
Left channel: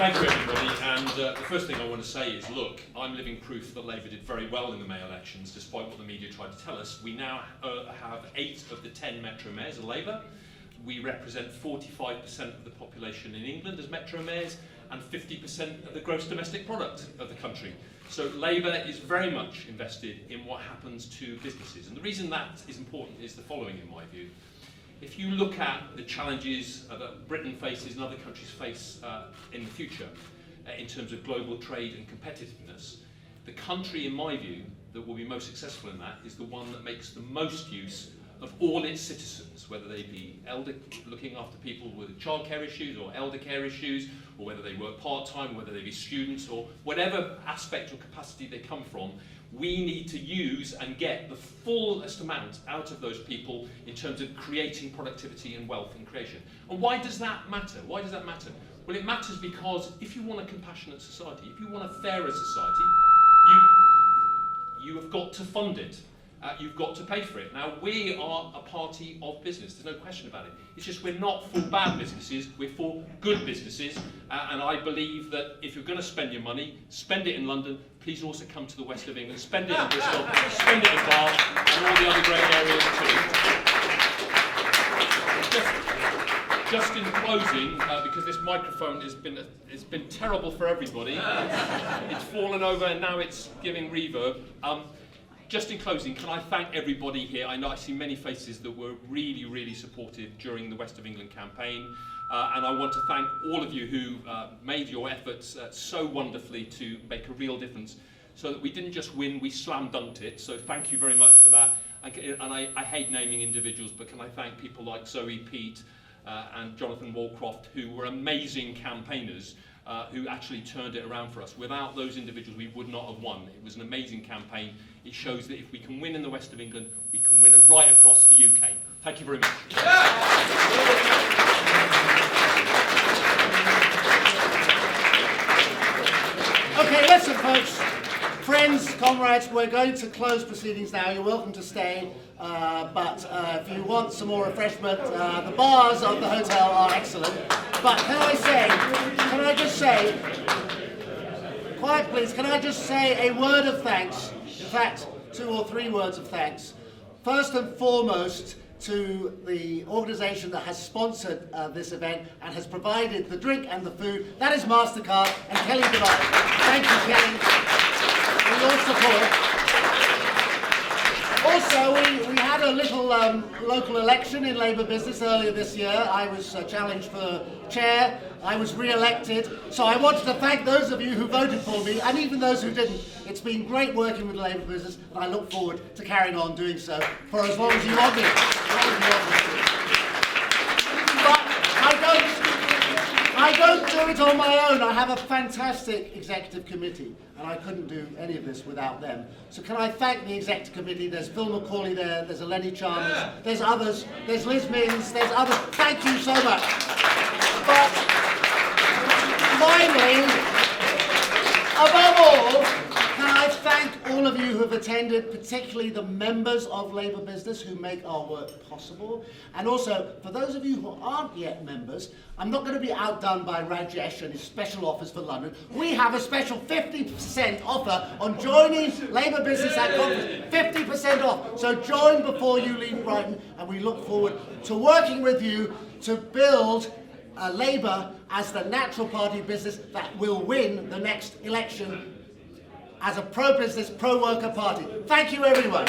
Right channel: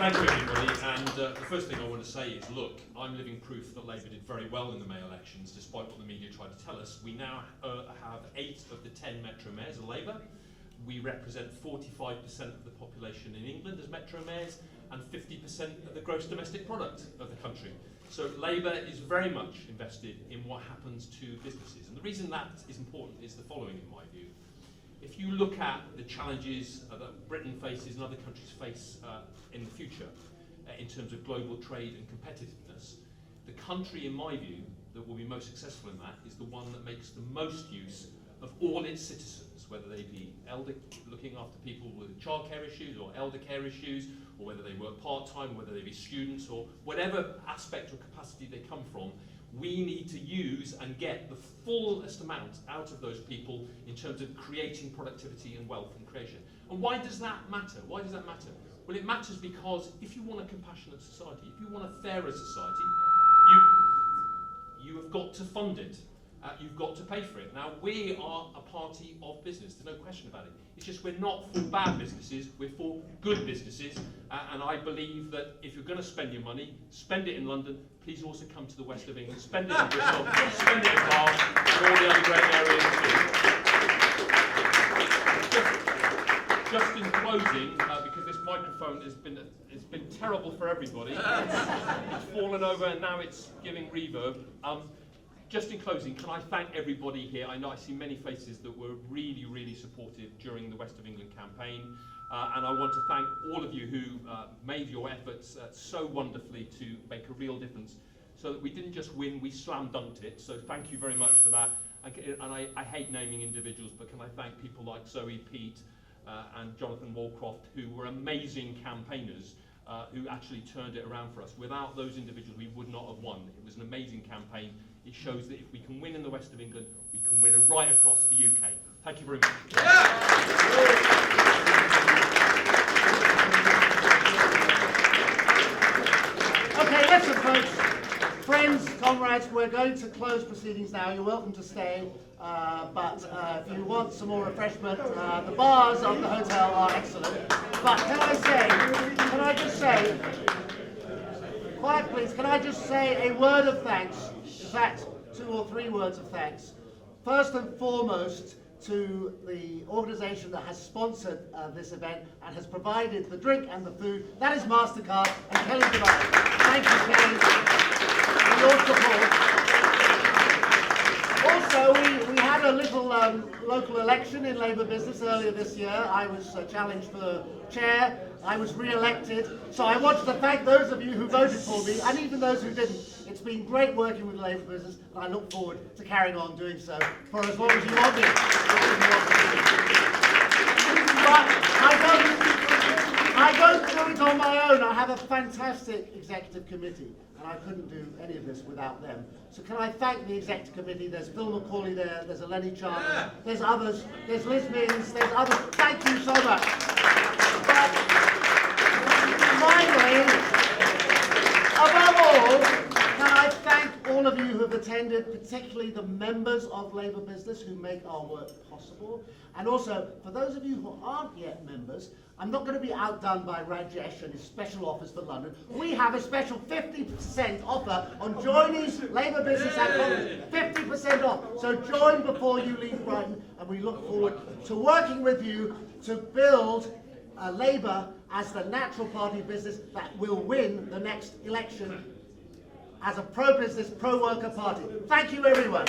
Thank you everybody. And the first thing I want to say is, look, I'm living proof that Labour did very well in the May elections, despite what the media tried to tell us. We now have 8 of the 10 metro mayors are Labour. We represent 45% of the population in England as metro mayors, and 50% of the gross domestic product of the country. So Labour is very much invested in what happens to businesses. And the reason that is important is the following, in my view. If you look at the challenges that Britain faces and other countries face in the future, in terms of global trade and competitiveness, the country, in my view, that will be most successful in that is the one that makes the most use of all its citizens, whether they be looking after people with childcare issues or elder care issues, or whether they work part-time, whether they be students, or whatever aspect or capacity they come from. We need to use and get the fullest amount out of those people in terms of creating productivity and wealth and creation. And why does that matter? Why does that matter? Well, it matters because if you want a compassionate society, if you want a fairer society, you have got to fund it. You've got to pay for it. Now, we are a party of business, there's no question about it. It's just we're not for bad businesses, we're for good businesses. And I believe that if you're going to spend your money, spend it in London. Please also come to the West of England, spend it in Bristol, spend it in Bath, and all the other great areas too. Just in closing, because this microphone has been terrible for everybody. It's fallen over and now it's giving reverb. Just in closing, can I thank everybody here? I know I see many faces that were really, really supportive during the West of England campaign. And I want to thank all of you who made your efforts so wonderfully to make a real difference, so that we didn't just win, we slam dunked it. So thank you very much for that. And I hate naming individuals, but can I thank people like Zoe, Pete, and Jonathan Walcroft, who were amazing campaigners, who actually turned it around for us. Without those individuals, we would not have won. It was an amazing campaign. It shows that if we can win in the West of England, we can win right across the UK. Thank you very much. Okay, listen folks, friends, comrades, we're going to close proceedings now. You're welcome to stay, but if you want some more refreshment, the bars of the hotel are excellent. But can I just say, quiet please, can I just say a word of thanks, in fact, 2 or 3 words of thanks. First and foremost, to the organisation that has sponsored this event and has provided the drink and the food. That is MasterCard and Kelly Devine. Thank you, Kelly, for your support. Also, we had a little local election in Labour business earlier this year. I was challenged for chair. I was re-elected. So I wanted to thank those of you who voted for me, and even those who didn't. It's been great working with the Labour business, and I look forward to carrying on doing so for as long as you want me. But I don't do it it on my own. I have a fantastic executive committee, and I couldn't do any of this without them. So can I thank the executive committee? There's Phil McCauley there, there's Eleni Chalmers, there's others, there's Liz Mins, there's others. Thank you so much. But finally, above all, can I thank all of you who have attended, particularly the members of Labour Business who make our work possible. And also, for those of you who aren't yet members, I'm not going to be outdone by Rajesh and his special offers for London. We have a special 50% offer on joining Labour Business at conference. 50% off. So join before you leave Brighton, and we look forward to working with you to build Labour as the natural party of business that will win the next election as a pro-business, pro-worker party. Thank you, everyone.